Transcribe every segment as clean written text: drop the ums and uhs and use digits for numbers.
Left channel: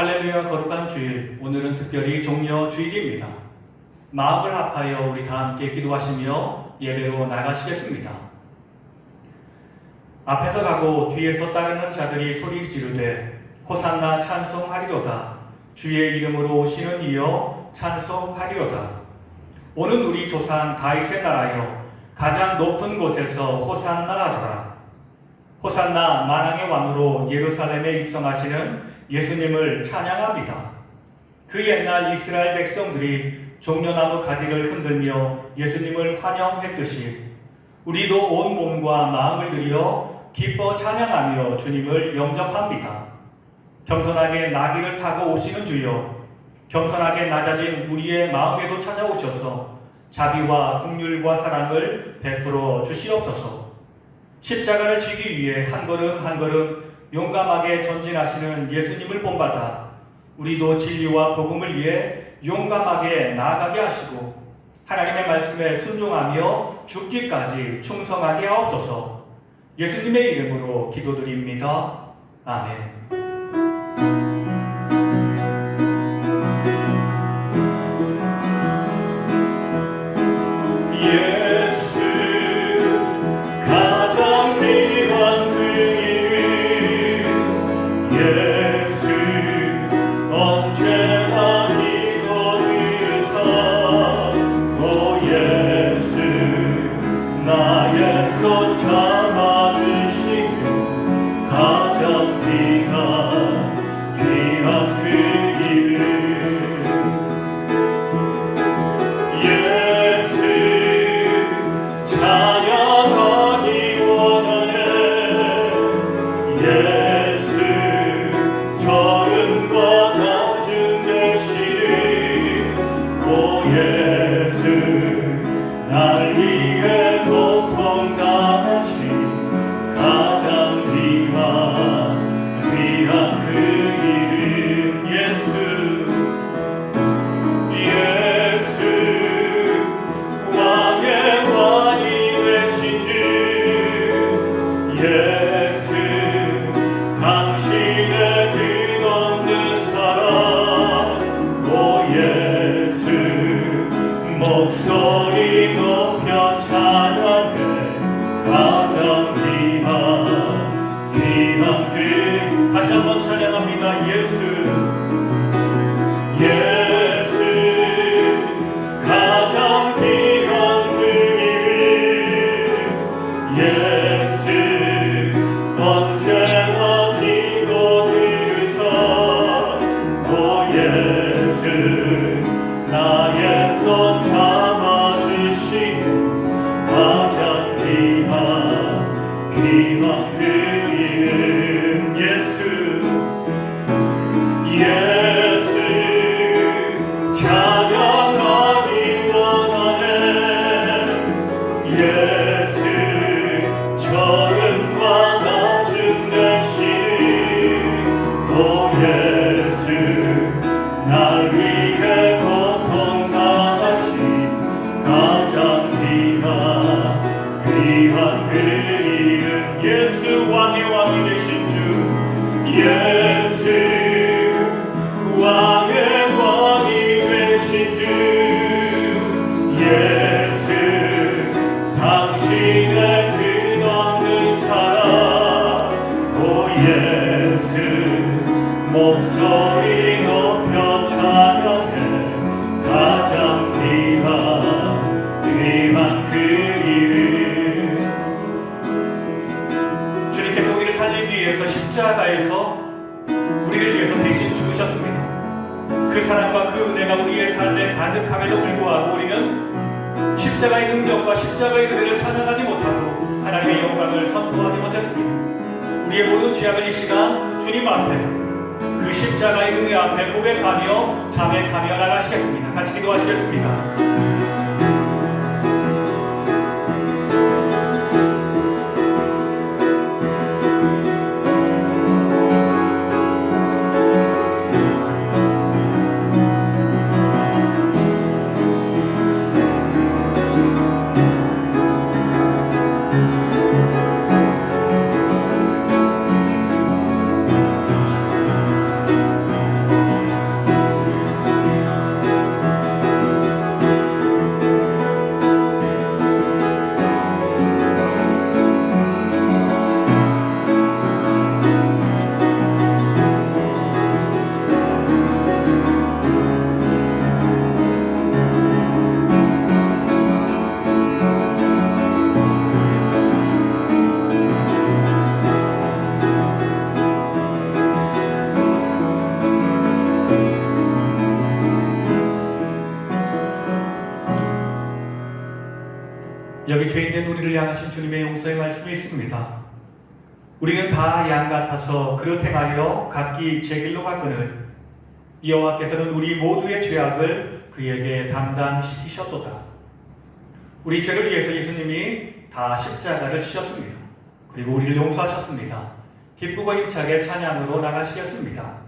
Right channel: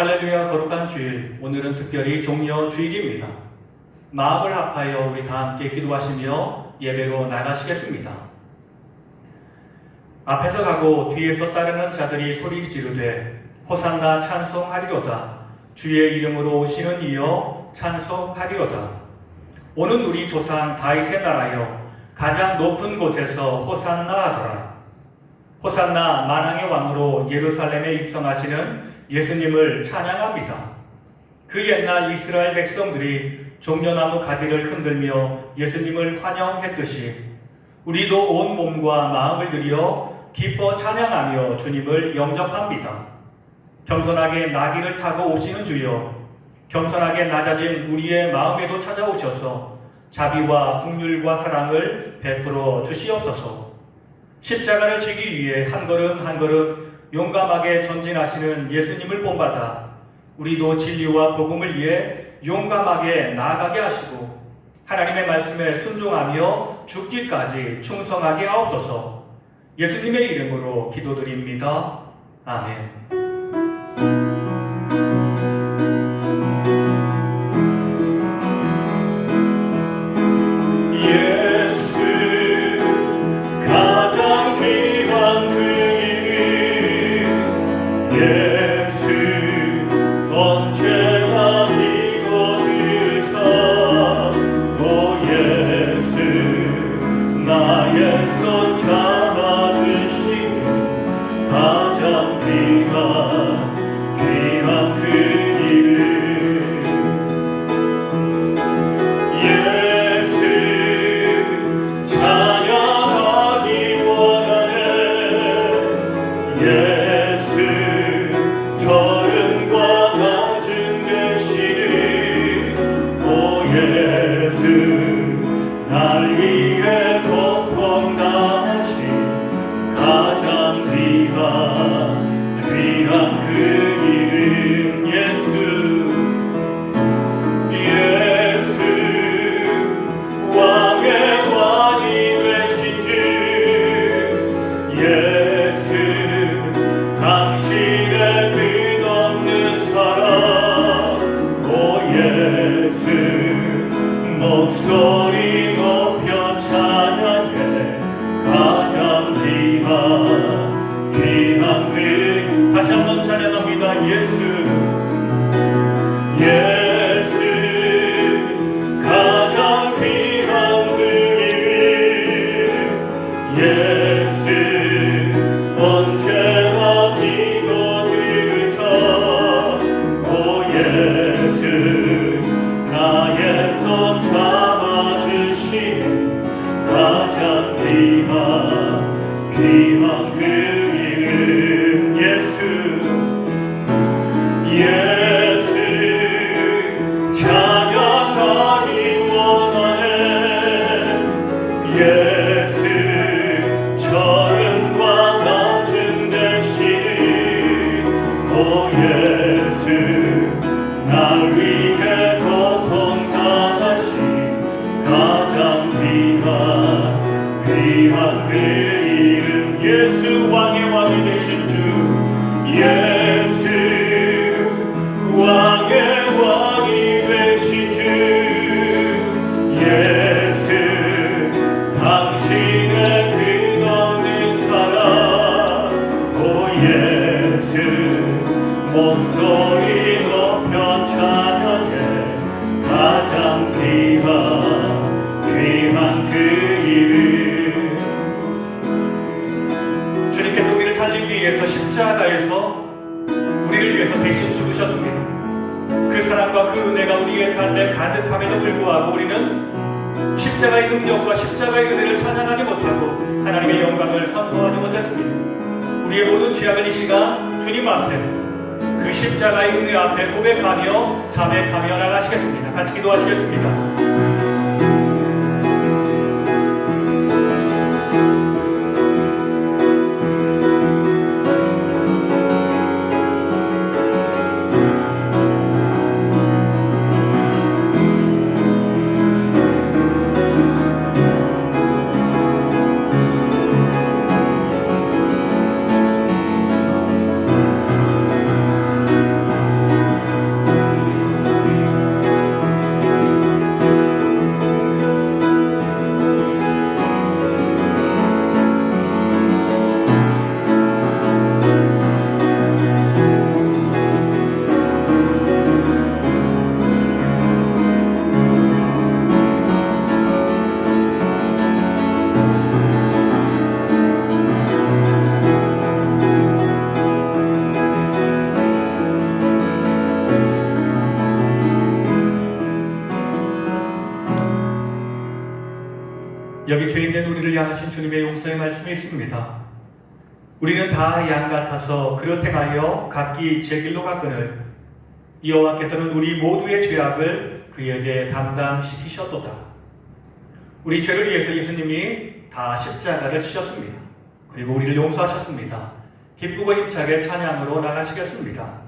할렐루야 거룩한 주일, 오늘은 특별히 종려 주일입니다. 마음을 합하여 우리 다 함께 기도하시며 예배로 나가시겠습니다. 앞에서 가고 뒤에서 따르는 자들이 소리 지르되 호산나 찬송하리로다. 주의 이름으로 오시는 이여 찬송하리로다. 오는 우리 조상 다윗의 나라여 가장 높은 곳에서 호산나 하더라. 호산나 만왕의 왕으로 예루살렘에 입성하시는 예수님을 찬양합니다. 그 옛날 이스라엘 백성들이 종려나무 가지를 흔들며 예수님을 환영했듯이 우리도 온 몸과 마음을 들여 기뻐 찬양하며 주님을 영접합니다. 겸손하게 나귀를 타고 오시는 주여, 겸손하게 낮아진 우리의 마음에도 찾아오셔서 자비와 긍휼과 사랑을 베풀어 주시옵소서. 십자가를 지기 위해 한 걸음 한 걸음 용감하게 전진하시는 예수님을 본받아 우리도 진리와 복음을 위해 용감하게 나아가게 하시고 하나님의 말씀에 순종하며 죽기까지 충성하게 하옵소서. 예수님의 이름으로 기도드립니다. 아멘. 목소리 높여 찬양해 가장 귀한 그 다시 한번 찬양합니다. 예수 가장 귀한 그 이름 예수 언제나 지고 들으사 오 예수 나의 손 잡아주시는 가장 귀한 그 이름 예수 찬양하기 원하네 예수 저음과 낮은 대신 오 예수 날 위해 고통당하신 가장 귀한 그 이름 예수 왕의 왕이 되신 주 예수 왕의 왕이 되신 주 예수 당신의 끝없는 사랑 오 예수 목소리 높여 찬양해 가장 귀한 그 이름 주님께서 우리를 살리기 위해서 십자가에서 우리를 위해서 대신 죽으셨습니다. 그 사랑과 그 은혜가 우리의 삶에 가득함에도 불구하고 우리는 십자가의 능력과 십자가의 은혜를 찬양하지 못하고 하나님의 영광을 선포하지 못했습니다. 우리의 모든 죄악을 이 시간 주님 앞에 그 십자가의 은혜 앞에 고백하며 자백하며 나가시겠습니다. 같이 기도하시겠습니다. 향하신 주님의 용서의 말씀이 있습니다. 우리는 다 양 같아서 그릇 행하여 각기 제 길로 갔거늘 여호와께서는 우리 모두의 죄악을 그에게 담당시키셨도다. 우리 죄를 위해서 예수님이 다 십자가를 치셨습니다. 그리고 우리를 용서하셨습니다. 기쁘고 힘차게 찬양으로 나가시겠습니다.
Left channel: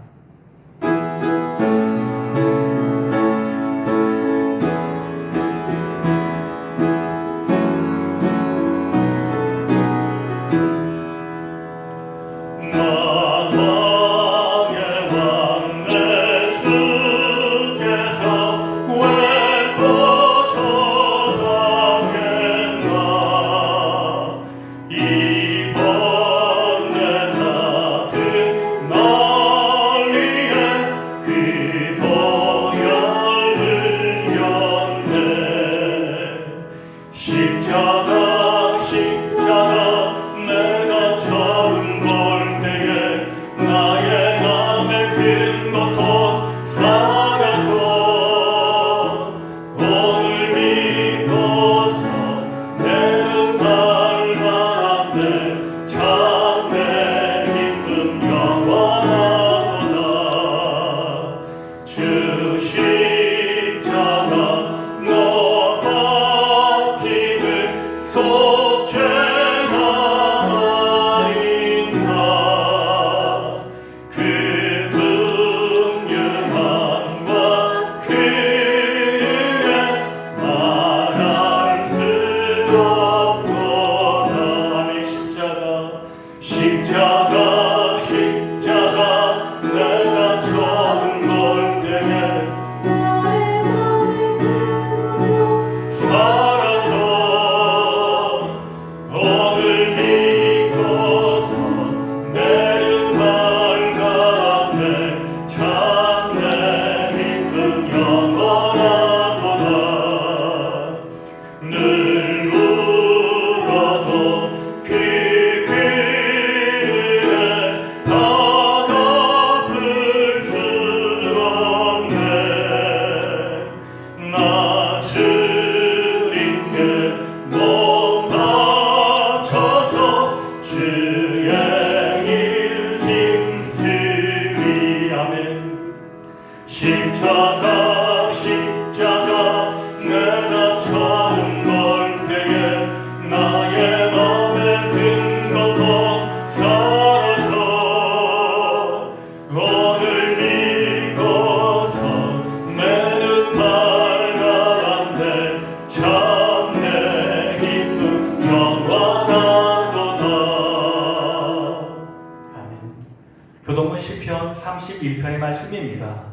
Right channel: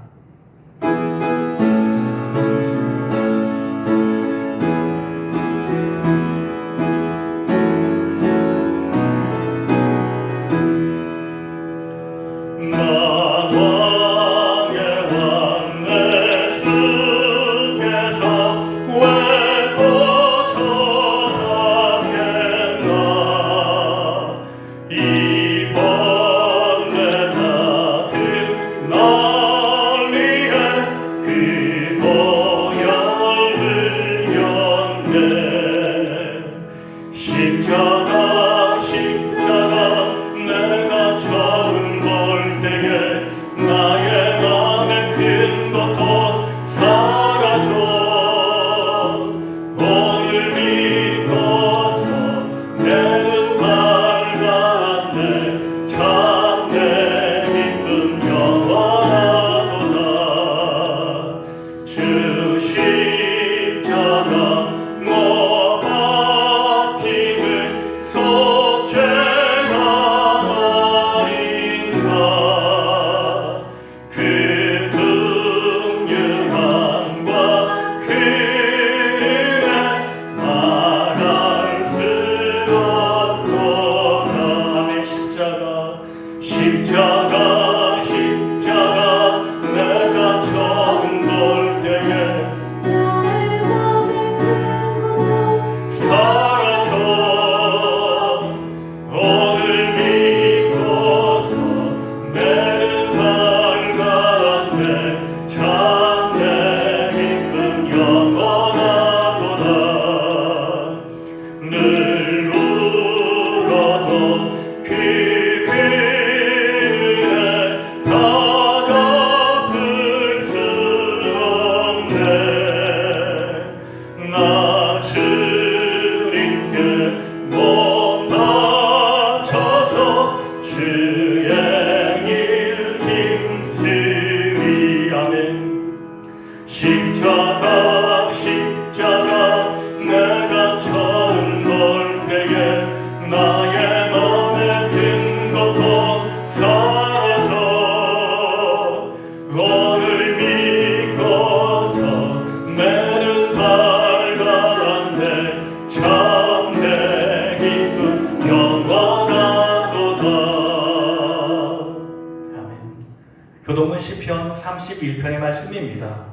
교동은 시편 31편의 말씀입니다.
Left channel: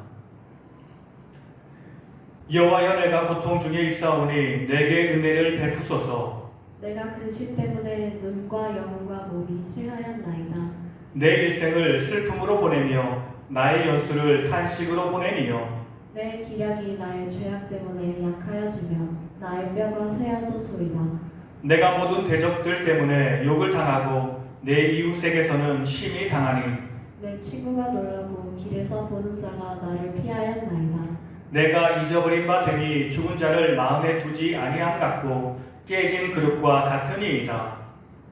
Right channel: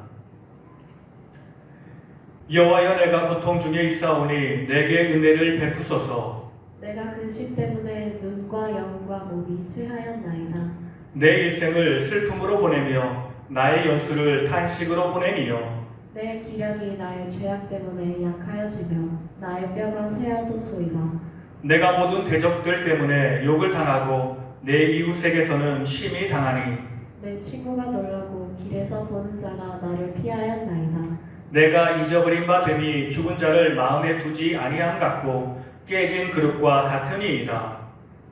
여호와여, 내가 고통 중에 있사오니 내게 은혜를 베푸소서. 내가 근심 때문에 눈과 영과 몸이 쇠하였나이다. 내 일생을 슬픔으로 보내며 나의 연수를 탄식으로 보내니여. 내 기력이 나의 죄악 때문에 약하여지며 나의 뼈가 쇠하도소이다. 내가 모든 대적들 때문에 욕을 당하고 내 이웃에게서는 심히 당하니. 내 친구가 놀라고 길에서 보는 자가 나를 피하였나이다. 내가 잊어버린 바 되니 죽은 자를 마음에 두지 아니함 같고 깨진 그릇과 같으니이다.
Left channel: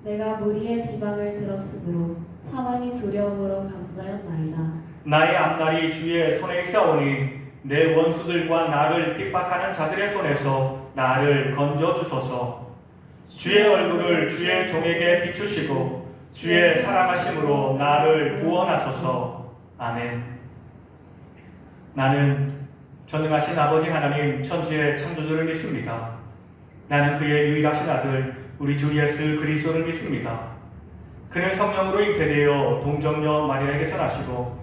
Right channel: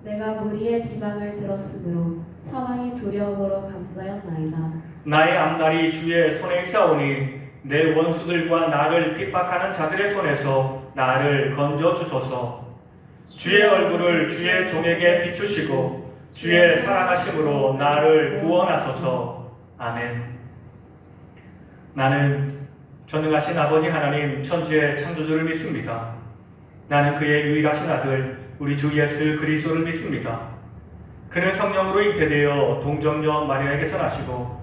내가 무리의 비방을 들었으므로 사망이 두려움으로 감싸였나이다. 나의 앞날이 주의 손에 있사오니 내 원수들과 나를 핍박하는 자들의 손에서 나를 건져 주소서. 주의 얼굴을 주의 종에게 비추시고 주의 사랑하심으로 나를 구원하소서. 아멘. 나는 전능하신 아버지 하나님 천지의 창조주를 믿습니다. 나는 그의 유일하신 아들 우리 주 예수 그리스도를 믿습니다. 그는 성령으로 잉태되어 동정녀 마리아에게서 나시고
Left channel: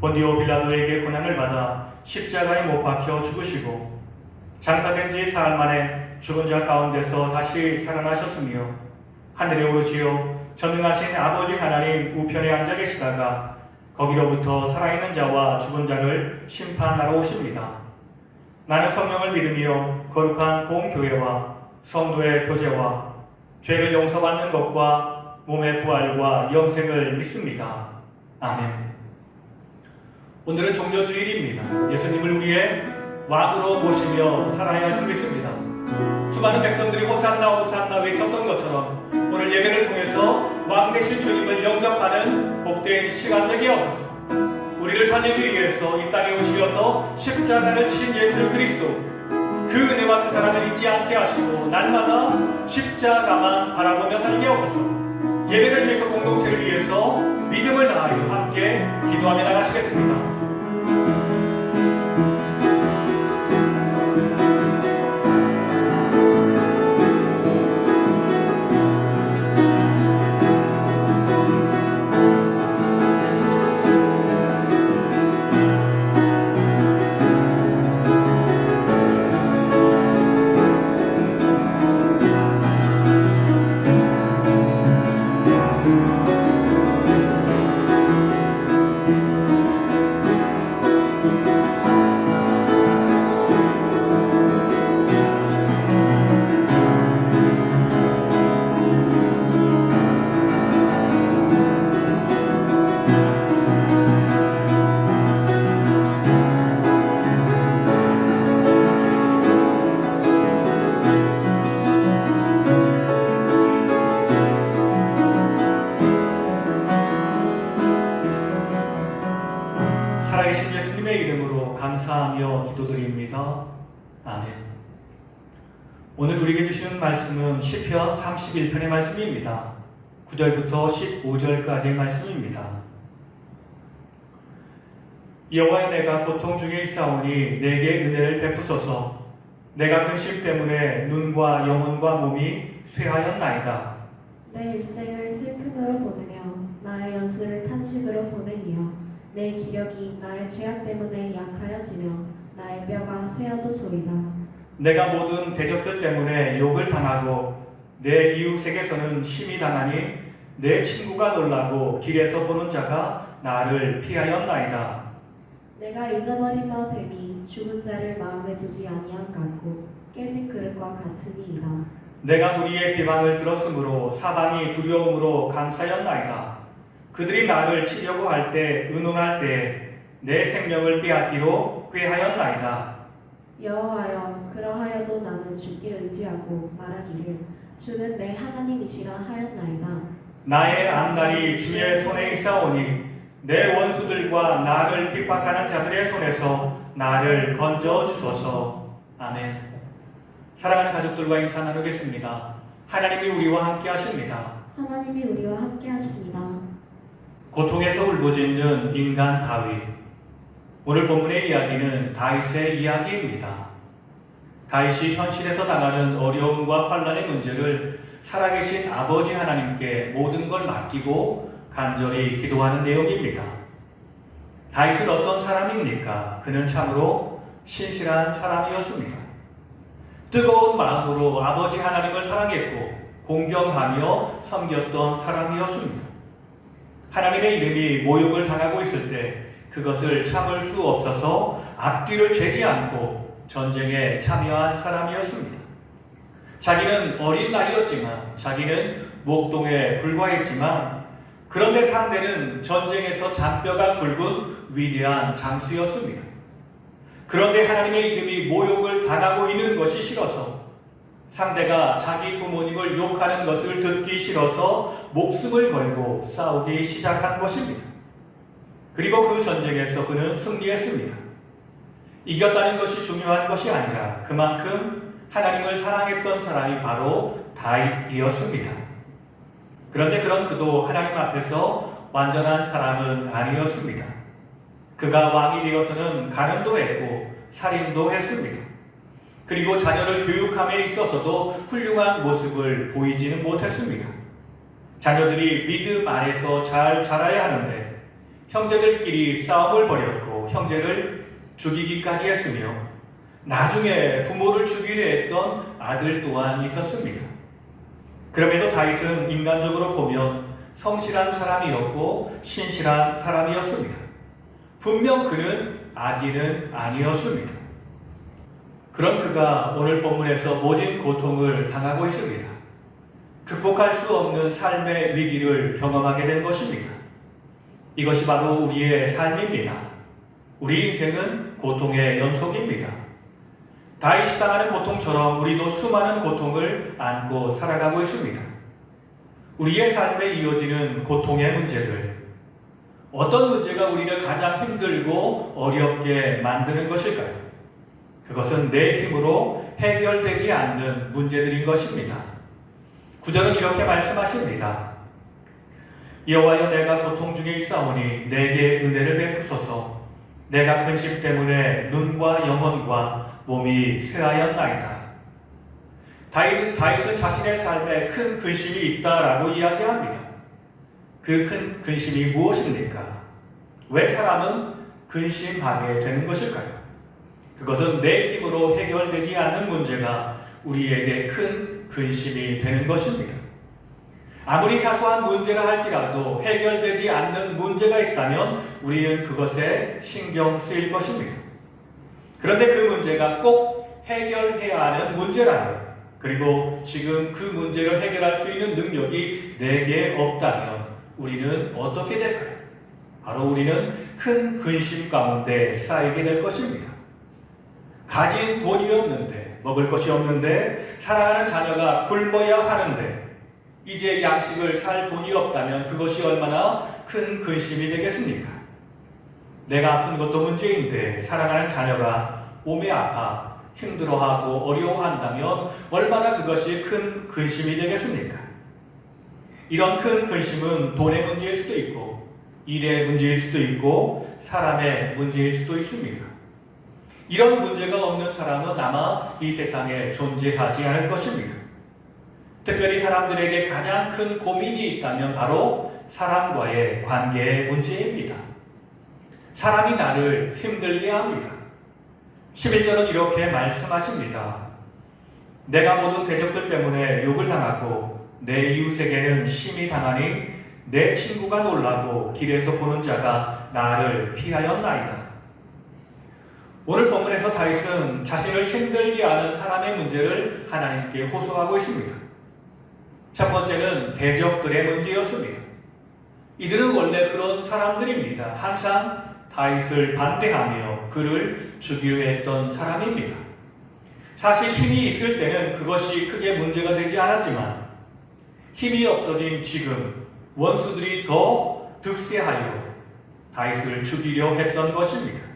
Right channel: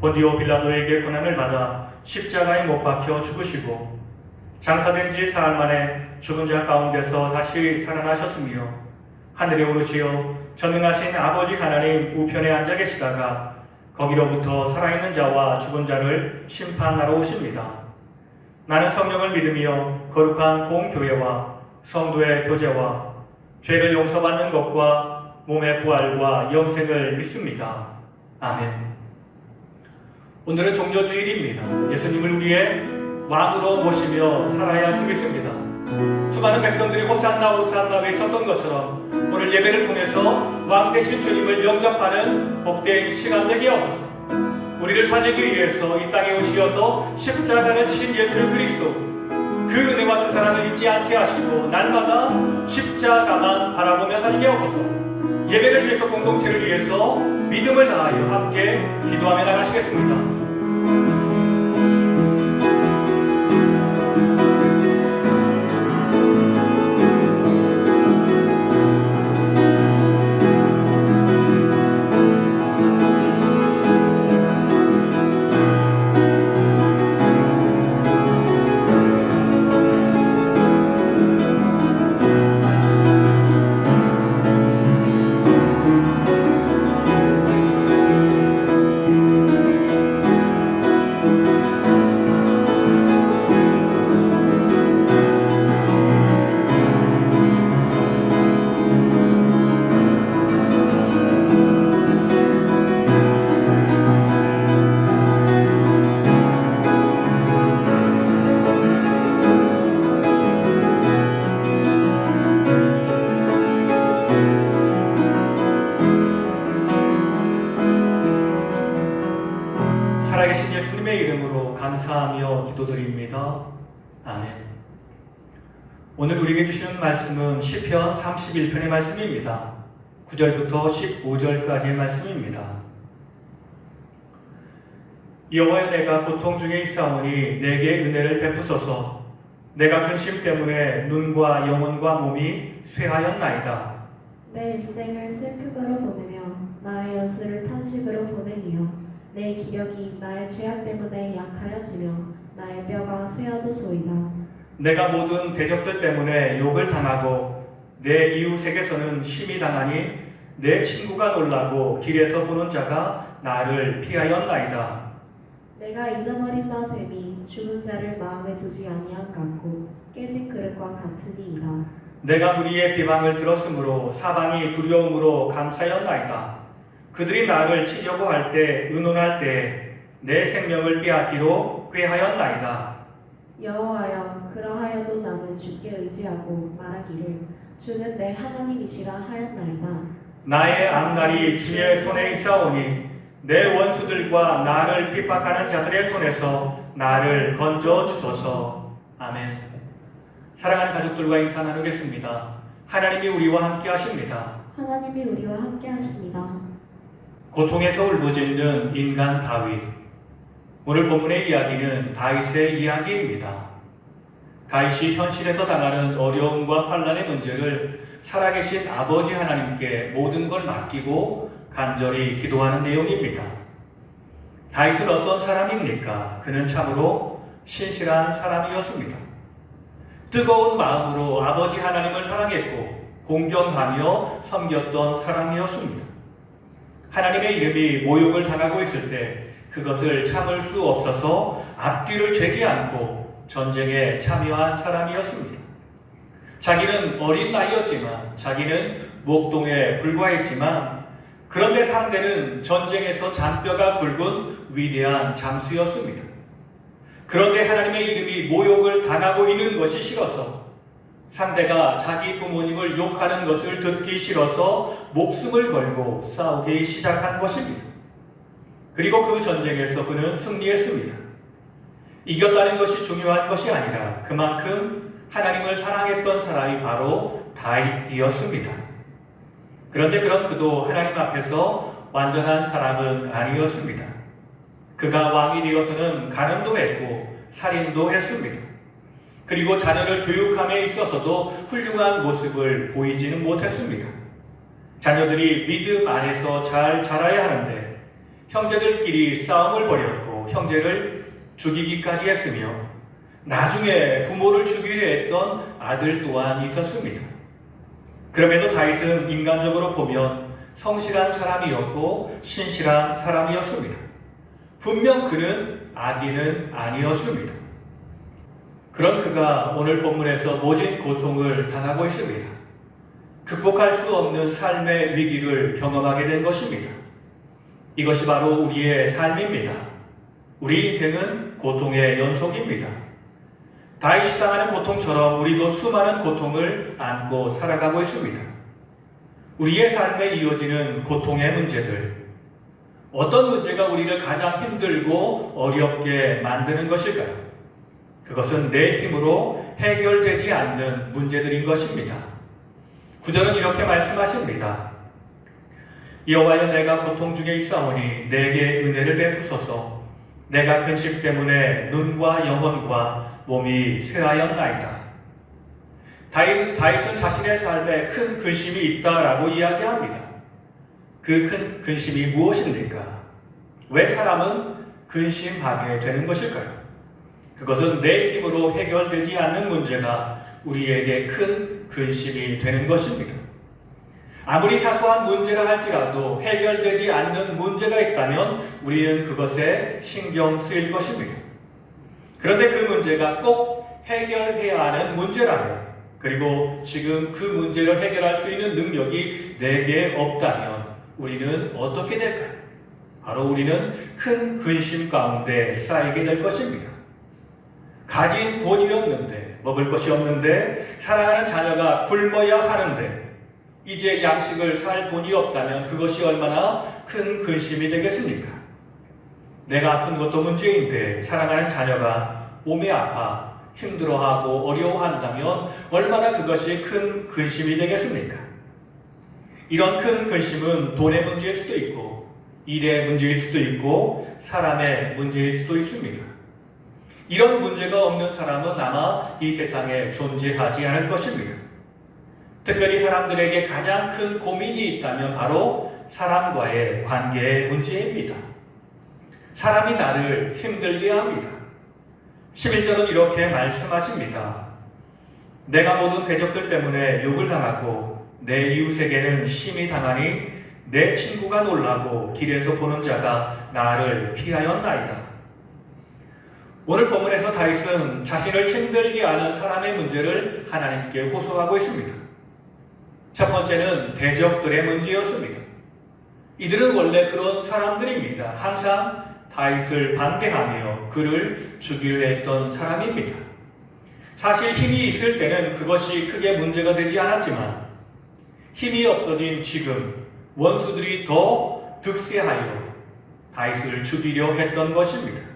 본디오 빌라도에게 고난을 받아 십자가에 못 박혀 죽으시고 장사된 지 사흘 만에 죽은 자 가운데서 다시 살아나셨으며 하늘에 오르시어 전능하신 아버지 하나님 우편에 앉아 계시다가 거기로부터 살아있는 자와 죽은 자를 심판하러 오십니다. 나는 성령을 믿으며 거룩한 공교회와 성도의 교제와 죄를 용서받는 것과 몸의 부활과 영생을 믿습니다. 아멘. 오늘은 종려주일입니다. 예수님을 우리의 왕으로 모시며 살아야 주겠습니다. 수많은 백성들이 호산나 호산나 외쳤던 것처럼 오늘 예배를 통해서 왕 되신 주님을 영접하는 복된 시간 되게 하옵소서. 우리를 살리기 위해서 이 땅에 오시어서 십자가를 지신 예수 그리스도, 그 은혜와 그 사랑을 잊지 않게 하시고 날마다 십자가만 바라보며 살게 하옵소서. 예배를 위해서, 공동체를 위해서 믿음을 다하여 함께 기도하며 나가시겠습니다. 살아계신 예수님의 이름으로 감사하며 기도드립니다. 아멘. 오늘 우리에게 주시는 말씀은 시편 31편의 말씀입니다. 9절부터 15절까지의 말씀입니다. 여호와여, 내가 고통 중에 있사오니 내게 은혜를 베푸소서. 내가 근심 때문에 눈과 영혼과 몸이 쇠하였나이다. 내 일생을 슬픔으로 보내며 나의 연수를 탄식으로 보내며 내 기력이 나의 죄악 때문에 약하여지며 나의 뼈가 쇠어도소이다. 내가 모든 대적들 때문에 욕을 당하고 내 이웃에게서는 심히 당하니 내 친구가 놀라고 길에서 보는 자가 나를 피하였나이다. 내가 잊어버린 바 됨이 죽은 자를 마음에 두지 아니한 같고 깨진 그릇과 같으니이다. 내가 무리의 비방을 들었으므로 사방이 두려움으로 감싸였나이다. 그들이 나를 치려고 할 때, 의논할 때 내 생명을 빼앗기로 꾀하였나이다. 여호와여, 그러하여도 나는 주께 의지하고 말하기를 주는 내 하나님이시라 하였나이다. 나의 앞날이 주의 손에 있사오니 내 원수들과 나를 핍박하는 자들의 손에서 나를 건져 주소서. 아멘. 사랑하는 가족들과 인사 나누겠습니다. 하나님이 우리와 함께 하십니다. 하나님이 우리와 함께 하십니다. 고통에서 울부짖는 인간 다윗. 오늘 본문의 이야기는 다윗의 이야기입니다. 다윗이 현실에서 당하는 어려움과 환난의 문제를 살아계신 아버지 하나님께 모든 걸 맡기고 간절히 기도하는 내용입니다. 다윗은 어떤 사람입니까? 그는 참으로 신실한 사람이었습니다. 뜨거운 마음으로 아버지 하나님을 사랑했고 공경하며 섬겼던 사람이었습니다. 하나님의 이름이 모욕을 당하고 있을 때 그것을 참을 수 없어서 앞뒤를 재지 않고 전쟁에 참여한 사람이었습니다. 자기는 어린 나이였지만, 자기는 목동에 불과했지만, 그런데 상대는 전쟁에서 잔뼈가 굵은 위대한 장수였습니다. 그런데 하나님의 이름이 모욕을 당하고 있는 것이 싫어서, 상대가 자기 부모님을 욕하는 것을 듣기 싫어서 목숨을 걸고 싸우기 시작한 것입니다. 그리고 그 전쟁에서 그는 승리했습니다. 이겼다는 것이 중요한 것이 아니라 그만큼 하나님을 사랑했던 사람이 바로 다윗이었습니다. 그런데 그런 그도 하나님 앞에서 완전한 사람은 아니었습니다. 그가 왕이 되어서는 간음도 했고 살인도 했습니다. 그리고 자녀를 교육함에 있어서도 훌륭한 모습을 보이지는 못했습니다. 자녀들이 믿음 안에서 잘 자라야 하는데 형제들끼리 싸움을 벌였고 형제를 죽이기까지 했으며 나중에 부모를 죽이려 했던 아들 또한 있었습니다. 그럼에도 다윗은 인간적으로 보면 성실한 사람이었고 신실한 사람이었습니다. 분명 그는 악인은 아니었습니다. 그런 그가 오늘 본문에서 모진 고통을 당하고 있습니다. 극복할 수 없는 삶의 위기를 경험하게 된 것입니다. 이것이 바로 우리의 삶입니다. 우리 인생은 고통의 연속입니다. 다윗이 당하는 고통처럼 우리도 수많은 고통을 안고 살아가고 있습니다. 우리의 삶에 이어지는 고통의 문제들, 어떤 문제가 우리를 가장 힘들고 어렵게 만드는 것일까요? 그것은 내 힘으로 해결되지 않는 문제들인 것입니다. 구절은 이렇게 말씀하십니다. 여호와여, 내가 고통 중에 있사오니 내게 은혜를 베푸소서. 내가 근심 때문에 눈과 영혼과 몸이 쇠하였나이다. 다윗은 자신의 삶에 큰 근심이 있다라고 이야기합니다. 그 큰 근심이 무엇입니까? 왜 사람은 근심하게 되는 것일까요? 그것은 내 힘으로 해결되지 않는 문제가 우리에게 큰 근심이 되는 것입니다. 아무리 사소한 문제라 할지라도 해결되지 않는 문제가 있다면 우리는 그것에 신경 쓰일 것입니다. 그런데 그 문제가 꼭 해결해야 하는 문제라면, 그리고 지금 그 문제를 해결할 수 있는 능력이 내게 없다면 우리는 어떻게 될까요? 바로 우리는 큰 근심 가운데 쌓이게 될 것입니다. 가진 돈이 없는데, 먹을 것이 없는데, 사랑하는 자녀가 굶어야 하는데 이제 양식을 살 돈이 없다면 그것이 얼마나 큰 근심이 되겠습니까? 내가 아픈 것도 문제인데 사랑하는 자녀가 몸이 아파 힘들어하고 어려워한다면 얼마나 그것이 큰 근심이 되겠습니까? 이런 큰 근심은 돈의 문제일 수도 있고 일의 문제일 수도 있고 사람의 문제일 수도 있습니다. 이런 문제가 없는 사람은 아마 이 세상에 존재하지 않을 것입니다. 특별히 사람들에게 가장 큰 고민이 있다면 바로 사람과의 관계의 문제입니다. 사람이 나를 힘들게 합니다. 11절은 이렇게 말씀하십니다. 내가 모든 대적들 때문에 욕을 당하고 내 이웃에게는 심히 당하니 내 친구가 놀라고 길에서 보는 자가 나를 피하였나이다. 오늘 본문에서 다윗은 자신을 힘들게 하는 사람의 문제를 하나님께 호소하고 있습니다. 첫 번째는 대적들의 문제였습니다. 이들은 원래 그런 사람들입니다. 항상 다윗을 반대하며 그를 죽이려 했던 사람입니다. 사실 힘이 있을 때는 그것이 크게 문제가 되지 않았지만 힘이 없어진 지금 원수들이 더 득세하여 다윗을 죽이려 했던 것입니다.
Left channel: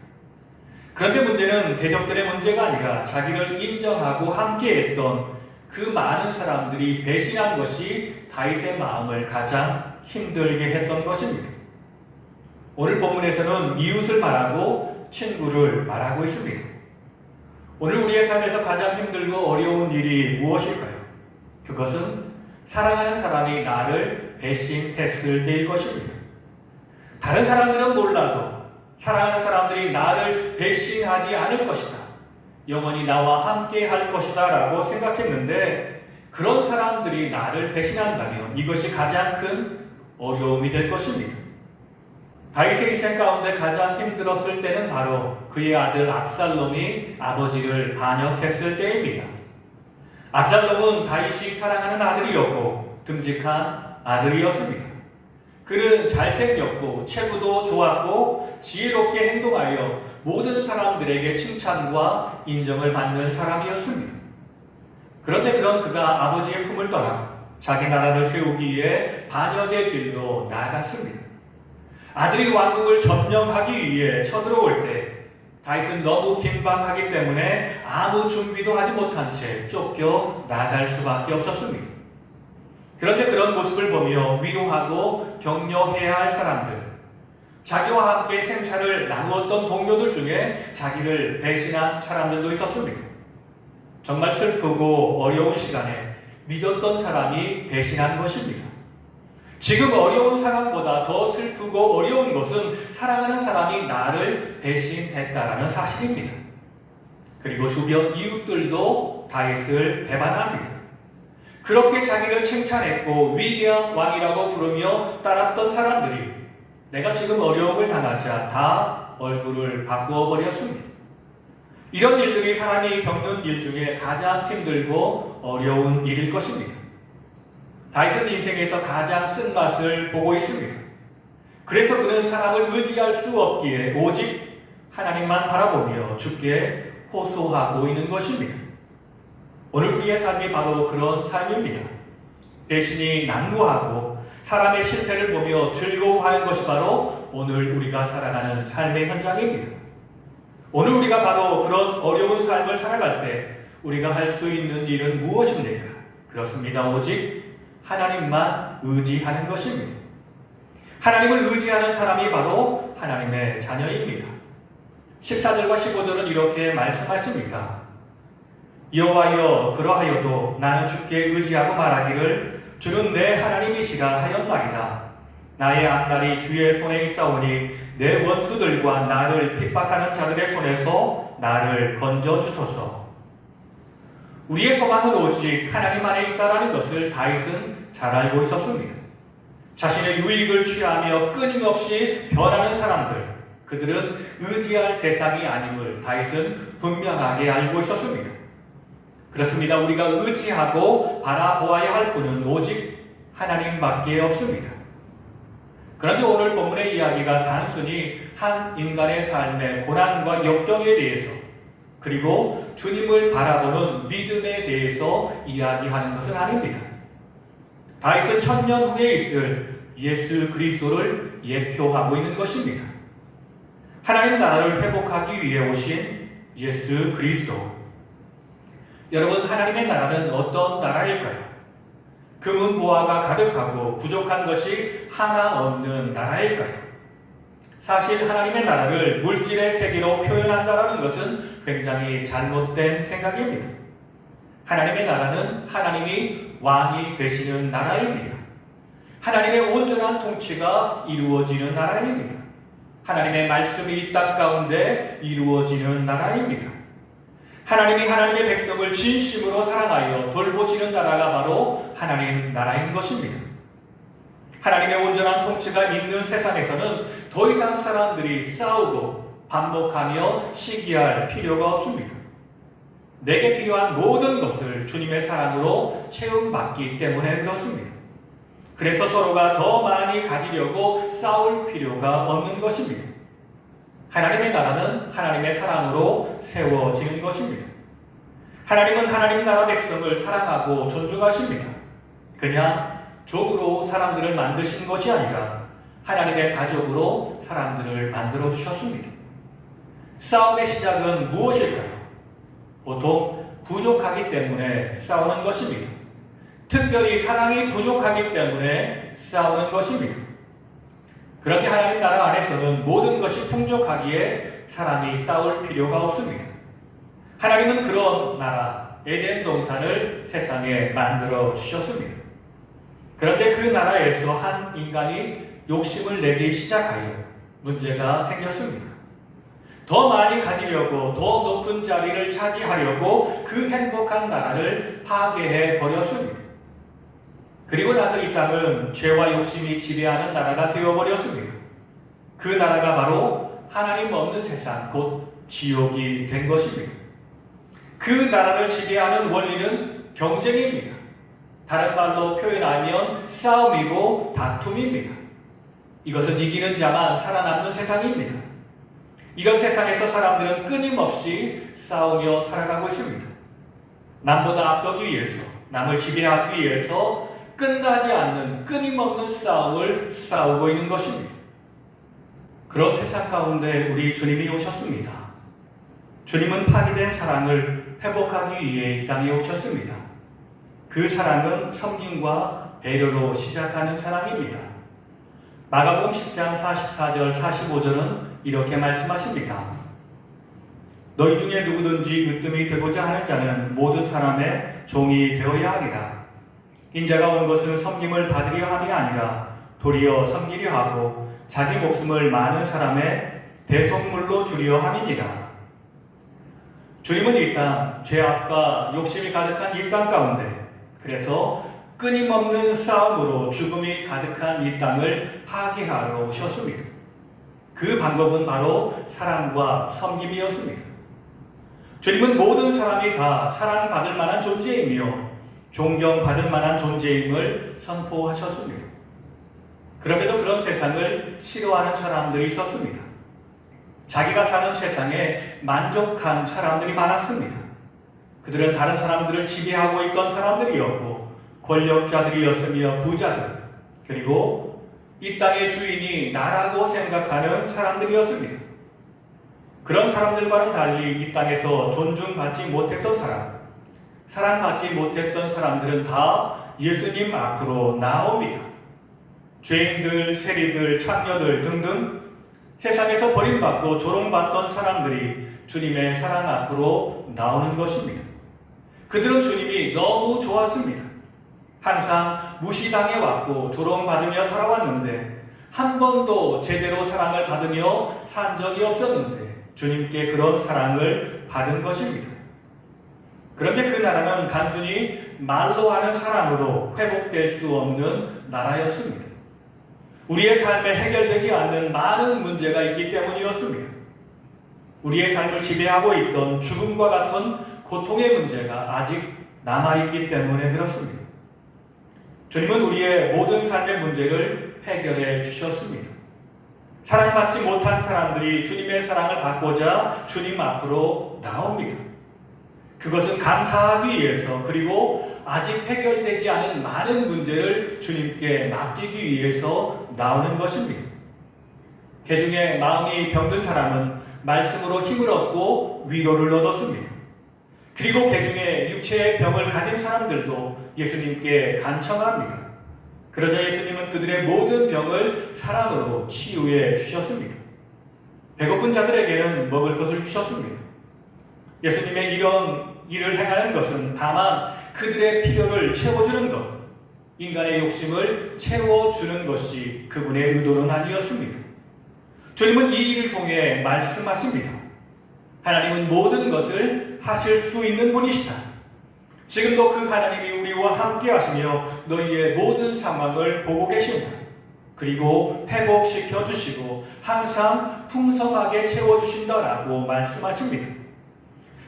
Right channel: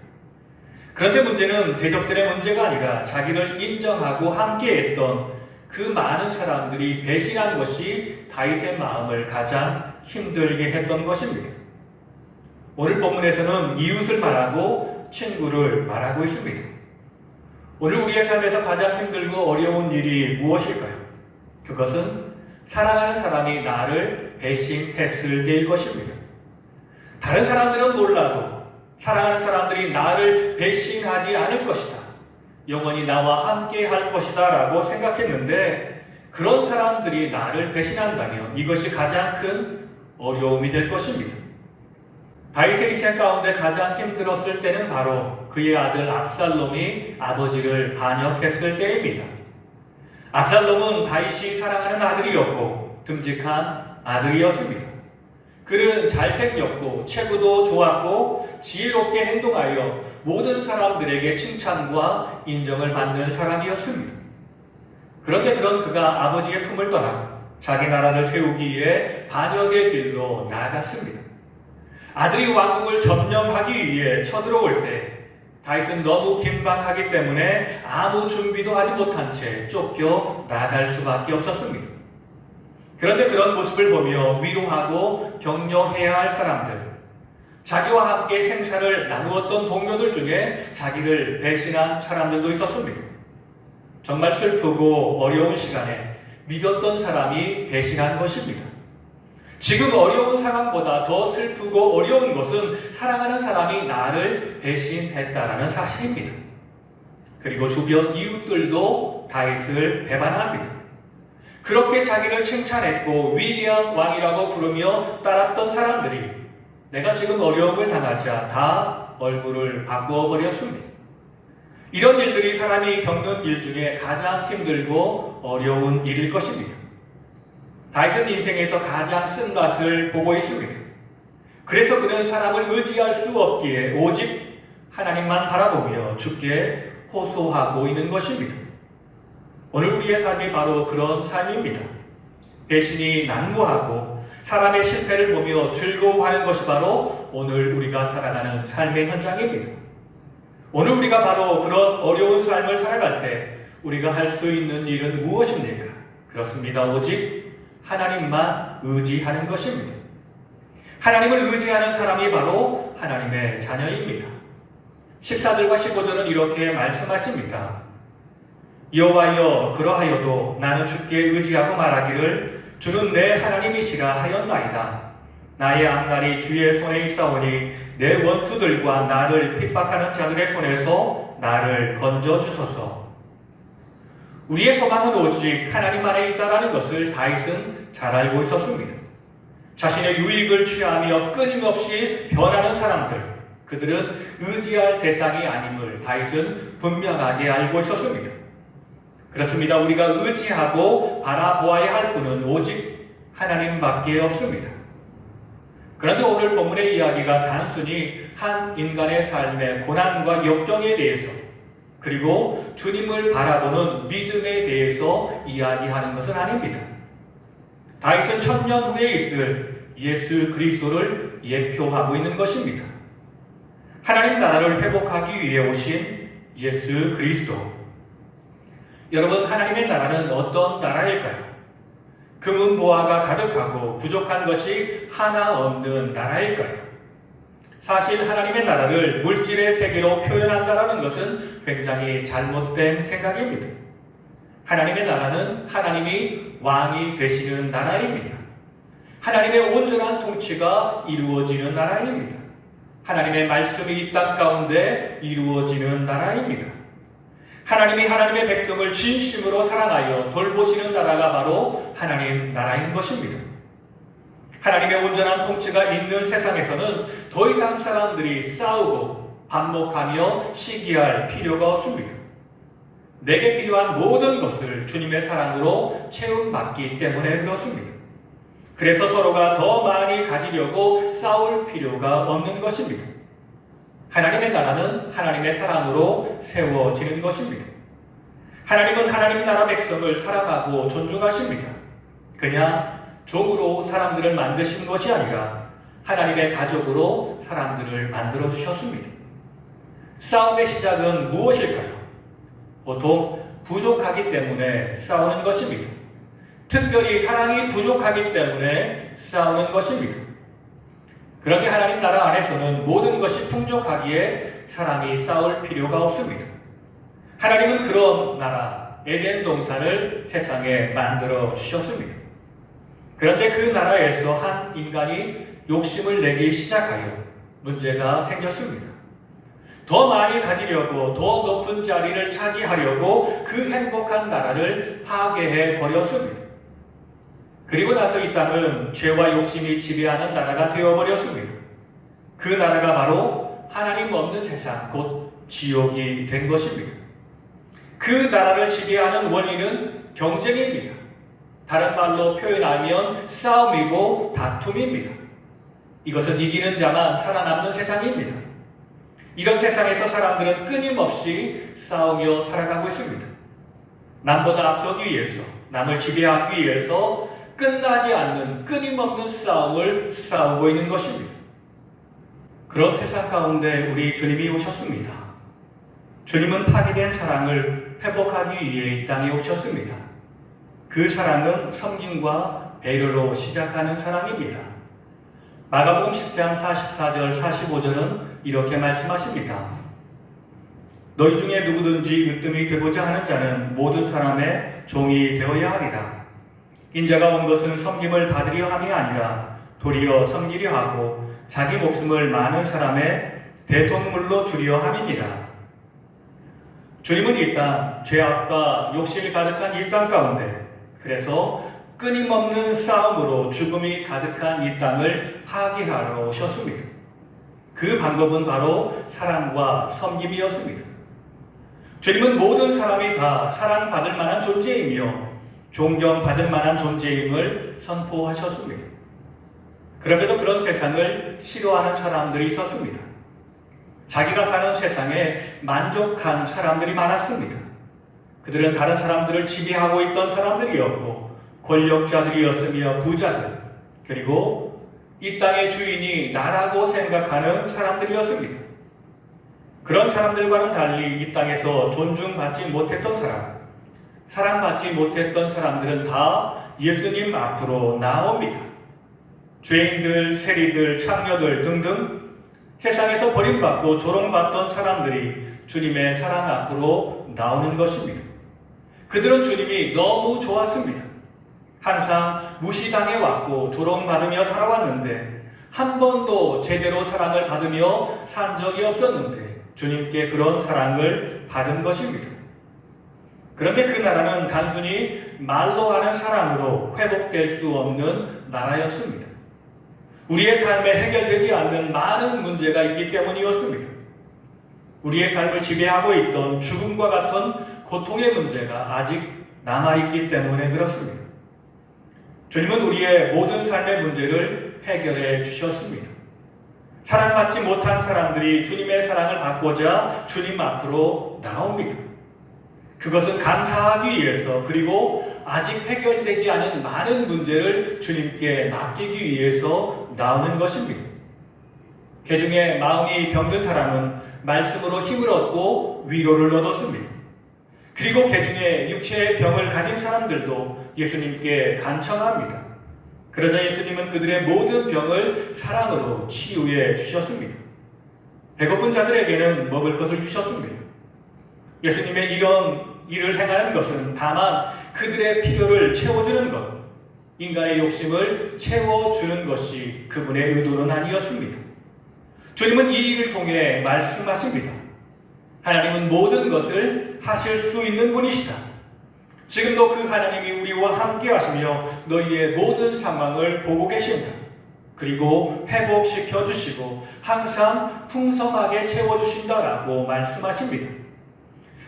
그런데 문제는 대적들의 문제가 아니라 자기를 인정하고 함께했던 그 많은 사람들이 배신한 것이 다윗의 마음을 가장 힘들게 했던 것입니다. 오늘 본문에서는 이웃을 말하고 친구를 말하고 있습니다. 오늘 우리의 삶에서 가장 힘들고 어려운 일이 무엇일까요? 그것은 사랑하는 사람이 나를 배신했을 때일 것입니다. 다른 사람들은 몰라도 사랑하는 사람들이 나를 배신하지 않을 것이다. 영원히 나와 함께 할 것이다 라고 생각했는데 그런 사람들이 나를 배신한다면 이것이 가장 큰 어려움이 될 것입니다. 다윗의 인생 가운데 가장 힘들었을 때는 바로 그의 아들 압살롬이 아버지를 반역했을 때입니다. 압살롬은 다윗이 사랑하는 아들이었고 듬직한 아들이었습니다. 그는 잘생겼고 체구도 좋았고 지혜롭게 행동하여 모든 사람들에게 칭찬과 인정을 받는 사람이었습니다. 그런데 그런 그가 아버지의 품을 떠나 자기 나라를 세우기 위해 반역의 길로 나아갔습니다. 아들이 왕국을 점령하기 위해 쳐들어올 때 다윗은 너무 긴박하기 때문에 아무 준비도 하지 못한 채 쫓겨 나갈 수밖에 없었습니다. 그런데 그런 모습을 보며 위로하고 격려해야 할 사람들, 자기와 함께 생사를 나누었던 동료들 중에 자기를 배신한 사람들도 있었습니다. 정말 슬프고 어려운 시간에 믿었던 사람이 배신한 것입니다. 지금 어려운 상황보다 더 슬프고 어려운 것은 사랑하는 사람이 나를 배신했다라는 사실입니다. 그리고 주변 이웃들도 다윗을 배반합니다. 그렇게 자기를 칭찬했고 위대한 왕이라고 부르며 따랐던 사람들이 내가 지금 어려움을 당하자 다 얼굴을 바꾸어 버렸습니다. 이런 일들이 사람이 겪는 일 중에 가장 힘들고 어려운 일일 것입니다. 다윗은 인생에서 가장 쓴맛을 보고 있습니다. 그래서 그는 사람을 의지할 수 없기에 오직 하나님만 바라보며 주께 호소하고 있는 것입니다. 오늘 우리의 삶이 바로 그런 삶입니다. 배신이 난무하고 사람의 실패를 보며 즐거워하는 것이 바로 오늘 우리가 살아가는 삶의 현장입니다. 오늘 우리가 바로 그런 어려운 삶을 살아갈 때 우리가 할 수 있는 일은 무엇입니까? 그렇습니다. 오직 하나님만 의지하는 것입니다. 하나님을 의지하는 사람이 바로 하나님의 자녀입니다. 14절과 15절은 이렇게 말씀하십니다. 여호와여 그러하여도 나는 주께 의지하고 말하기를 주는 내 하나님이시라 하였나이다. 나의 앞날이 주의 손에 있사오니 내 원수들과 나를 핍박하는 자들의 손에서 나를 건져주소서. 우리의 소망은 오직 하나님 안에 있다라는 것을 다윗은 잘 알고 있었습니다. 자신의 유익을 취하며 끊임없이 변하는 사람들, 그들은 의지할 대상이 아님을 다윗은 분명하게 알고 있었습니다. 그렇습니다. 우리가 의지하고 바라보아야 할 분은 오직 하나님밖에 없습니다. 그런데 오늘 본문의 이야기가 단순히 한 인간의 삶의 고난과 역경에 대해서 그리고 주님을 바라보는 믿음에 대해서 이야기하는 것은 아닙니다. 다윗은 1000년 후에 있을 예수 그리스도를 예표하고 있는 것입니다. 하나님 나라를 회복하기 위해 오신 예수 그리스도. 여러분, 하나님의 나라는 어떤 나라일까요? 금은 보화가 가득하고 부족한 것이 하나 없는 나라일까요? 사실 하나님의 나라를 물질의 세계로 표현한다는 것은 굉장히 잘못된 생각입니다. 하나님의 나라는 하나님이 왕이 되시는 나라입니다. 하나님의 온전한 통치가 이루어지는 나라입니다. 하나님의 말씀이 이 땅 가운데 이루어지는 나라입니다. 하나님이 하나님의 백성을 진심으로 사랑하여 돌보시는 나라가 바로 하나님 나라인 것입니다. 하나님의 온전한 통치가 있는 세상에서는 더 이상 사람들이 싸우고 반복하며 시기할 필요가 없습니다. 내게 필요한 모든 것을 주님의 사랑으로 채움받기 때문에 그렇습니다. 그래서 서로가 더 많이 가지려고 싸울 필요가 없는 것입니다. 하나님의 나라는 하나님의 사랑으로 세워지는 것입니다. 하나님은 하나님 나라 백성을 사랑하고 존중하십니다. 그냥 종으로 사람들을 만드신 것이 아니라 하나님의 가족으로 사람들을 만들어 주셨습니다. 싸움의 시작은 무엇일까요? 보통 부족하기 때문에 싸우는 것입니다. 특별히 사랑이 부족하기 때문에 싸우는 것입니다. 그런데 하나님 나라 안에서는 모든 것이 풍족하기에 사람이 싸울 필요가 없습니다. 하나님은 그런 나라, 에덴 동산을 세상에 만들어 주셨습니다. 그런데 그 나라에서 한 인간이 욕심을 내기 시작하여 문제가 생겼습니다. 더 많이 가지려고 더 높은 자리를 차지하려고 그 행복한 나라를 파괴해 버렸습니다. 그리고 나서 이 땅은 죄와 욕심이 지배하는 나라가 되어버렸습니다. 그 나라가 바로 하나님 없는 세상, 곧 지옥이 된 것입니다. 그 나라를 지배하는 원리는 경쟁입니다. 다른 말로 표현하면 싸움이고 다툼입니다. 이것은 이기는 자만 살아남는 세상입니다. 이런 세상에서 사람들은 끊임없이 싸우며 살아가고 있습니다. 남보다 앞서기 위해서, 남을 지배하기 위해서 끝나지 않는 끊임없는 싸움을 싸우고 있는 것입니다. 그런 세상 가운데 우리 주님이 오셨습니다. 주님은 파괴된 사랑을 회복하기 위해 이 땅에 오셨습니다. 그 사랑은 섬김과 배려로 시작하는 사랑입니다. 마가복음 10장 44절 45절은 이렇게 말씀하십니다. 너희 중에 누구든지 으뜸이 되고자 하는 자는 모든 사람의 종이 되어야 하리라. 인자가 온 것은 섬김을 받으려 함이 아니라 도리어 섬기려 하고 자기 목숨을 많은 사람의 대속물로 주려 함이니라. 주님은 이 땅, 죄악과 욕심이 가득한 이 땅 가운데, 그래서 끊임없는 싸움으로 죽음이 가득한 이 땅을 파괴하러 오셨습니다. 그 방법은 바로 사랑과 섬김이었습니다. 주님은 모든 사람이 다 사랑받을 만한 존재이며 존경받을 만한 존재임을 선포하셨습니다. 그럼에도 그런 세상을 싫어하는 사람들이 있었습니다. 자기가 사는 세상에 만족한 사람들이 많았습니다. 그들은 다른 사람들을 지배하고 있던 사람들이었고 권력자들이었으며 부자들, 그리고 이 땅의 주인이 나라고 생각하는 사람들이었습니다. 그런 사람들과는 달리 이 땅에서 존중받지 못했던 사랑받지 못했던 사람들은 다 예수님 앞으로 나옵니다. 죄인들, 세리들, 창녀들 등등 세상에서 버림받고 조롱받던 사람들이 주님의 사랑 앞으로 나오는 것입니다. 그들은 주님이 너무 좋았습니다. 항상 무시당해 왔고 조롱받으며 살아왔는데 한 번도 제대로 사랑을 받으며 산 적이 없었는데 주님께 그런 사랑을 받은 것입니다. 그런데 그 나라는 단순히 말로 하는 사랑으로 회복될 수 없는 나라였습니다. 우리의 삶에 해결되지 않는 많은 문제가 있기 때문이었습니다. 우리의 삶을 지배하고 있던 죽음과 같은 고통의 문제가 아직 남아있기 때문에 그렇습니다. 주님은 우리의 모든 삶의 문제를 해결해 주셨습니다. 사랑받지 못한 사람들이 주님의 사랑을 받고자 주님 앞으로 나옵니다. 그것은 감사하기 위해서, 그리고 아직 해결되지 않은 많은 문제를 주님께 맡기기 위해서 나오는 것입니다. 개중에 마음이 병든 사람은 말씀으로 힘을 얻고 위로를 얻었습니다. 그리고 개중에 육체의 병을 가진 사람들도 예수님께 간청합니다. 그러자 예수님은 그들의 모든 병을 사랑으로 치유해 주셨습니다. 배고픈 자들에게는 먹을 것을 주셨습니다. 예수님의 이런 일을 행하는 것은 다만 그들의 필요를 채워주는 것, 인간의 욕심을 채워주는 것이 그분의 의도는 아니었습니다. 주님은 이 일을 통해 말씀하십니다. 하나님은 모든 것을 하실 수 있는 분이시다. 지금도 그 하나님이 우리와 함께 하시며 너희의 모든 상황을 보고 계신다. 그리고 회복시켜 주시고 항상 풍성하게 채워주신다라고 말씀하십니다.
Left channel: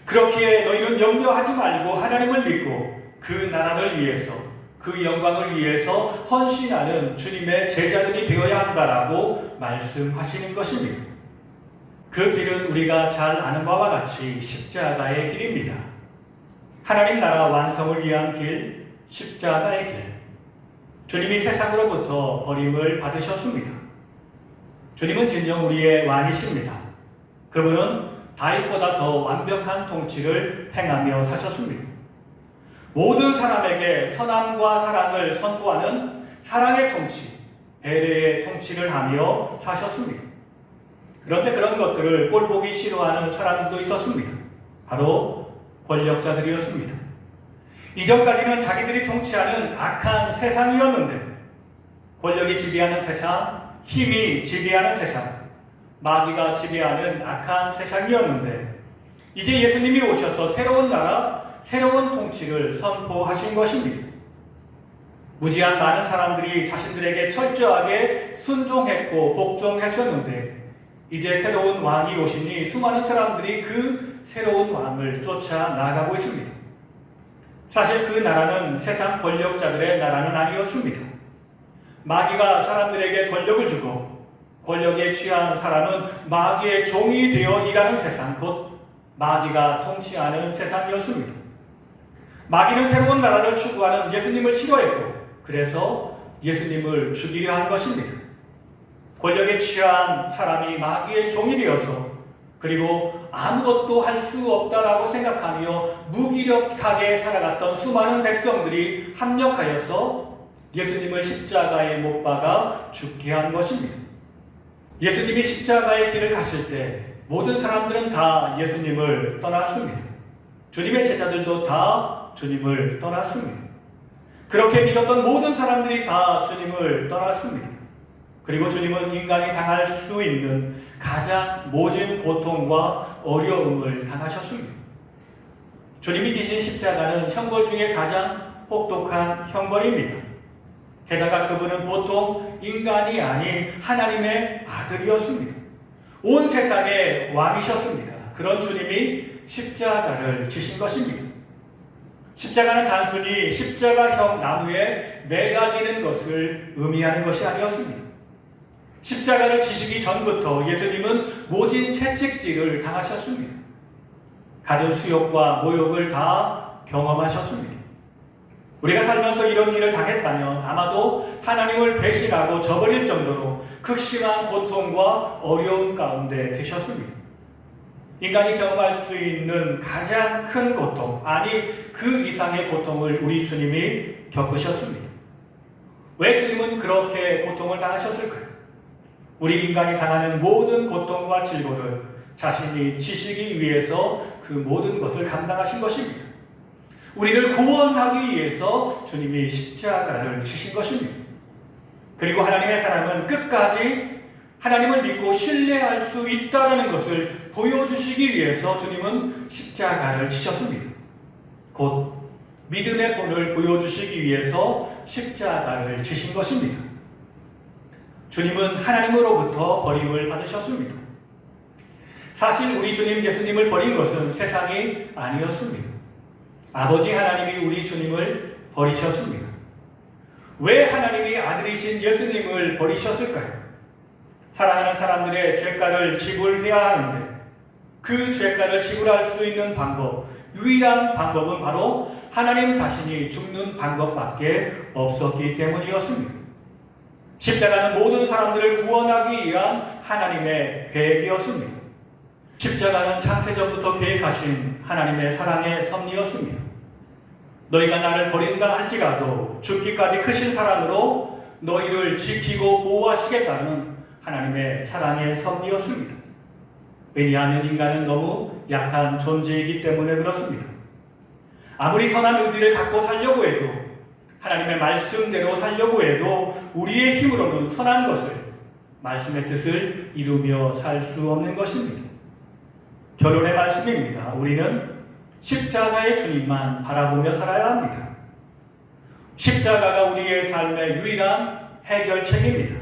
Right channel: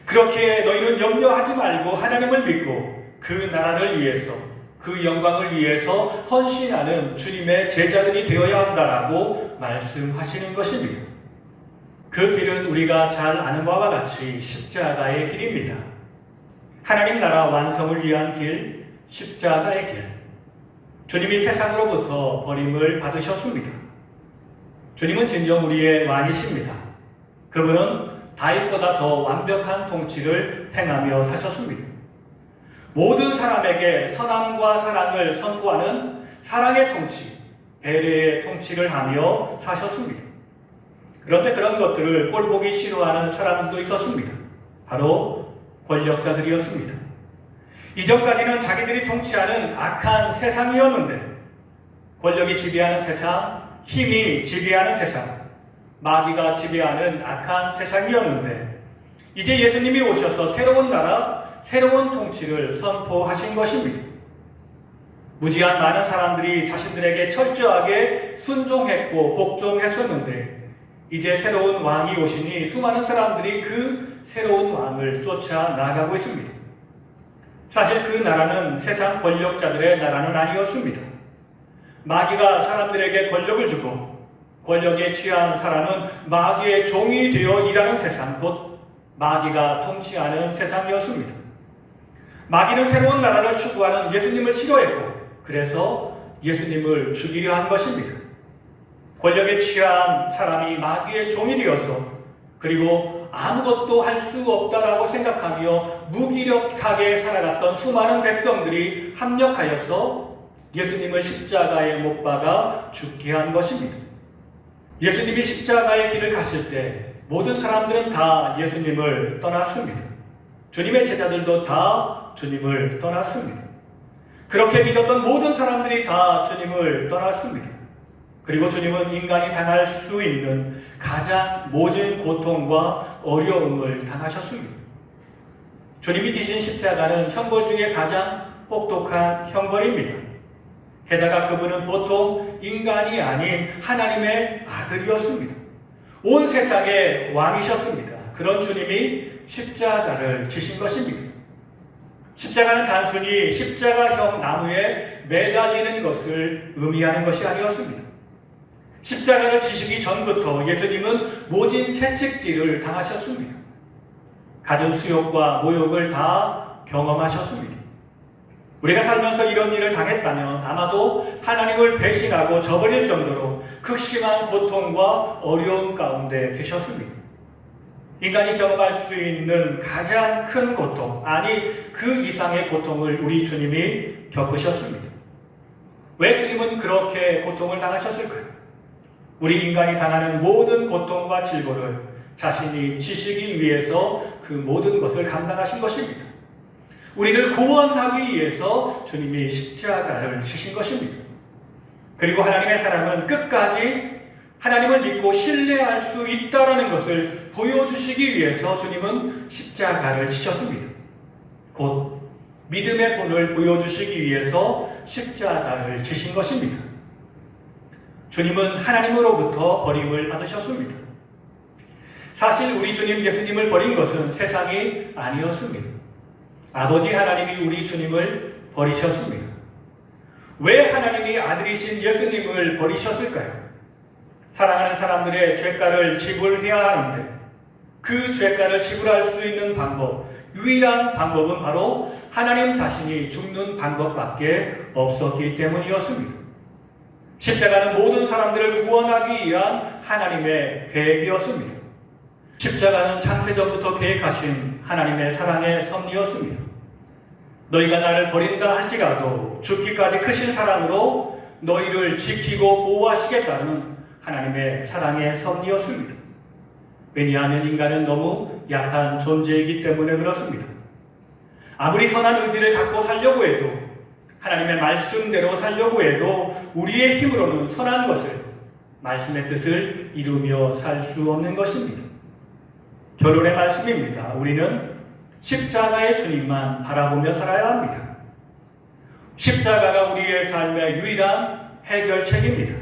그렇기에 너희는 염려하지 말고 하나님을 믿고 그 나라를 위해서, 그 영광을 위해서 헌신하는 주님의 제자들이 되어야 한다라고 말씀하시는 것입니다. 그 길은 우리가 잘 아는 바와 같이 십자가의 길입니다. 하나님 나라 완성을 위한 길, 십자가의 길. 주님이 세상으로부터 버림을 받으셨습니다. 주님은 진정 우리의 왕이십니다. 그분은 다윗보다 더 완벽한 통치를 행하며 사셨습니다. 모든 사람에게 선함과 사랑을 선포하는 사랑의 통치, 배려의 통치를 하며 사셨습니다. 그런데 그런 것들을 꼴보기 싫어하는 사람들도 있었습니다. 바로 권력자들이었습니다. 이전까지는 자기들이 통치하는 악한 세상이었는데, 권력이 지배하는 세상, 힘이 지배하는 세상, 마귀가 지배하는 악한 세상이었는데, 이제 예수님이 오셔서 새로운 나라, 새로운 통치를 선포하신 것입니다. 무지한 많은 사람들이 자신들에게 철저하게 순종했고 복종했었는데, 이제 새로운 왕이 오시니 수많은 사람들이 그 새로운 왕을 쫓아 나가고 있습니다. 사실 그 나라는 세상 권력자들의 나라는 아니었습니다. 마귀가 사람들에게 권력을 주고 권력에 취한 사람은 마귀의 종이 되어 일하는 세상, 곧 마귀가 통치하는 세상이었습니다. 마귀는 새로운 나라를 추구하는 예수님을 싫어했고, 그래서 예수님을 죽이려 한 것입니다. 권력에 취한 사람이 마귀의 종이 되어서, 그리고 아무것도 할 수 없다라고 생각하며 무기력하게 살아갔던 수많은 백성들이 합력하여서 예수님을 십자가에 못 박아 죽게 한 것입니다. 예수님이 십자가의 길을 가실 때 모든 사람들은 다 예수님을 떠났습니다. 주님의 제자들도 다 주님을 떠났습니다. 그렇게 믿었던 모든 사람들이 다 주님을 떠났습니다. 그리고 주님은 인간이 당할 수 있는 가장 모진 고통과 어려움을 당하셨습니다. 주님이 지신 십자가는 형벌 중에 가장 혹독한 형벌입니다. 게다가 그분은 보통 인간이 아닌 하나님의 아들이었습니다. 온 세상의 왕이셨습니다. 그런 주님이 십자가를 지신 것입니다. 십자가는 단순히 십자가형 나무에 매달리는 것을 의미하는 것이 아니었습니다. 십자가를 지시기 전부터 예수님은 모진 채찍질을 당하셨습니다. 갖은 수욕과 모욕을 다 경험하셨습니다. 우리가 살면서 이런 일을 당했다면 아마도 하나님을 배신하고 저버릴 정도로 극심한 고통과 어려움 가운데 계셨습니다. 인간이 경험할 수 있는 가장 큰 고통, 아니 그 이상의 고통을 우리 주님이 겪으셨습니다. 왜 주님은 그렇게 고통을 당하셨을까요? 우리 인간이 당하는 모든 고통과 질고를 자신이 지시기 위해서 그 모든 것을 감당하신 것입니다. 우리를 구원하기 위해서 주님이 십자가를 지신 것입니다. 그리고 하나님의 사랑은 끝까지 하나님을 믿고 신뢰할 수 있다는 것을 보여주시기 위해서 주님은 십자가를 지셨습니다. 곧 믿음의 본을 보여주시기 위해서 십자가를 지신 것입니다. 주님은 하나님으로부터 버림을 받으셨습니다. 사실 우리 주님 예수님을 버린 것은 세상이 아니었습니다. 아버지 하나님이 우리 주님을 버리셨습니다. 왜 하나님이 아들이신 예수님을 버리셨을까요? 사랑하는 사람들의 죄가를 지불해야 하는데 그 죄가를 지불할 수 있는 방법, 유일한 방법은 바로 하나님 자신이 죽는 방법밖에 없었기 때문이었습니다. 십자가는 모든 사람들을 구원하기 위한 하나님의 계획이었습니다. 십자가는 창세전부터 계획하신 하나님의 사랑의 섭리였습니다. 너희가 나를 버린다 할지라도 죽기까지 크신 사랑으로 너희를 지키고 보호하시겠다는 하나님의 사랑의 섭리였습니다. 왜냐하면 인간은 너무 약한 존재이기 때문에 그렇습니다. 아무리 선한 의지를 갖고 살려고 해도 하나님의 말씀대로 살려고 해도 우리의 힘으로는 선한 것을, 말씀의 뜻을 이루며 살 수 없는 것입니다. 결론의 말씀입니다. 우리는 십자가의 주님만 바라보며 살아야 합니다. 십자가가 우리의 삶의 유일한 해결책입니다.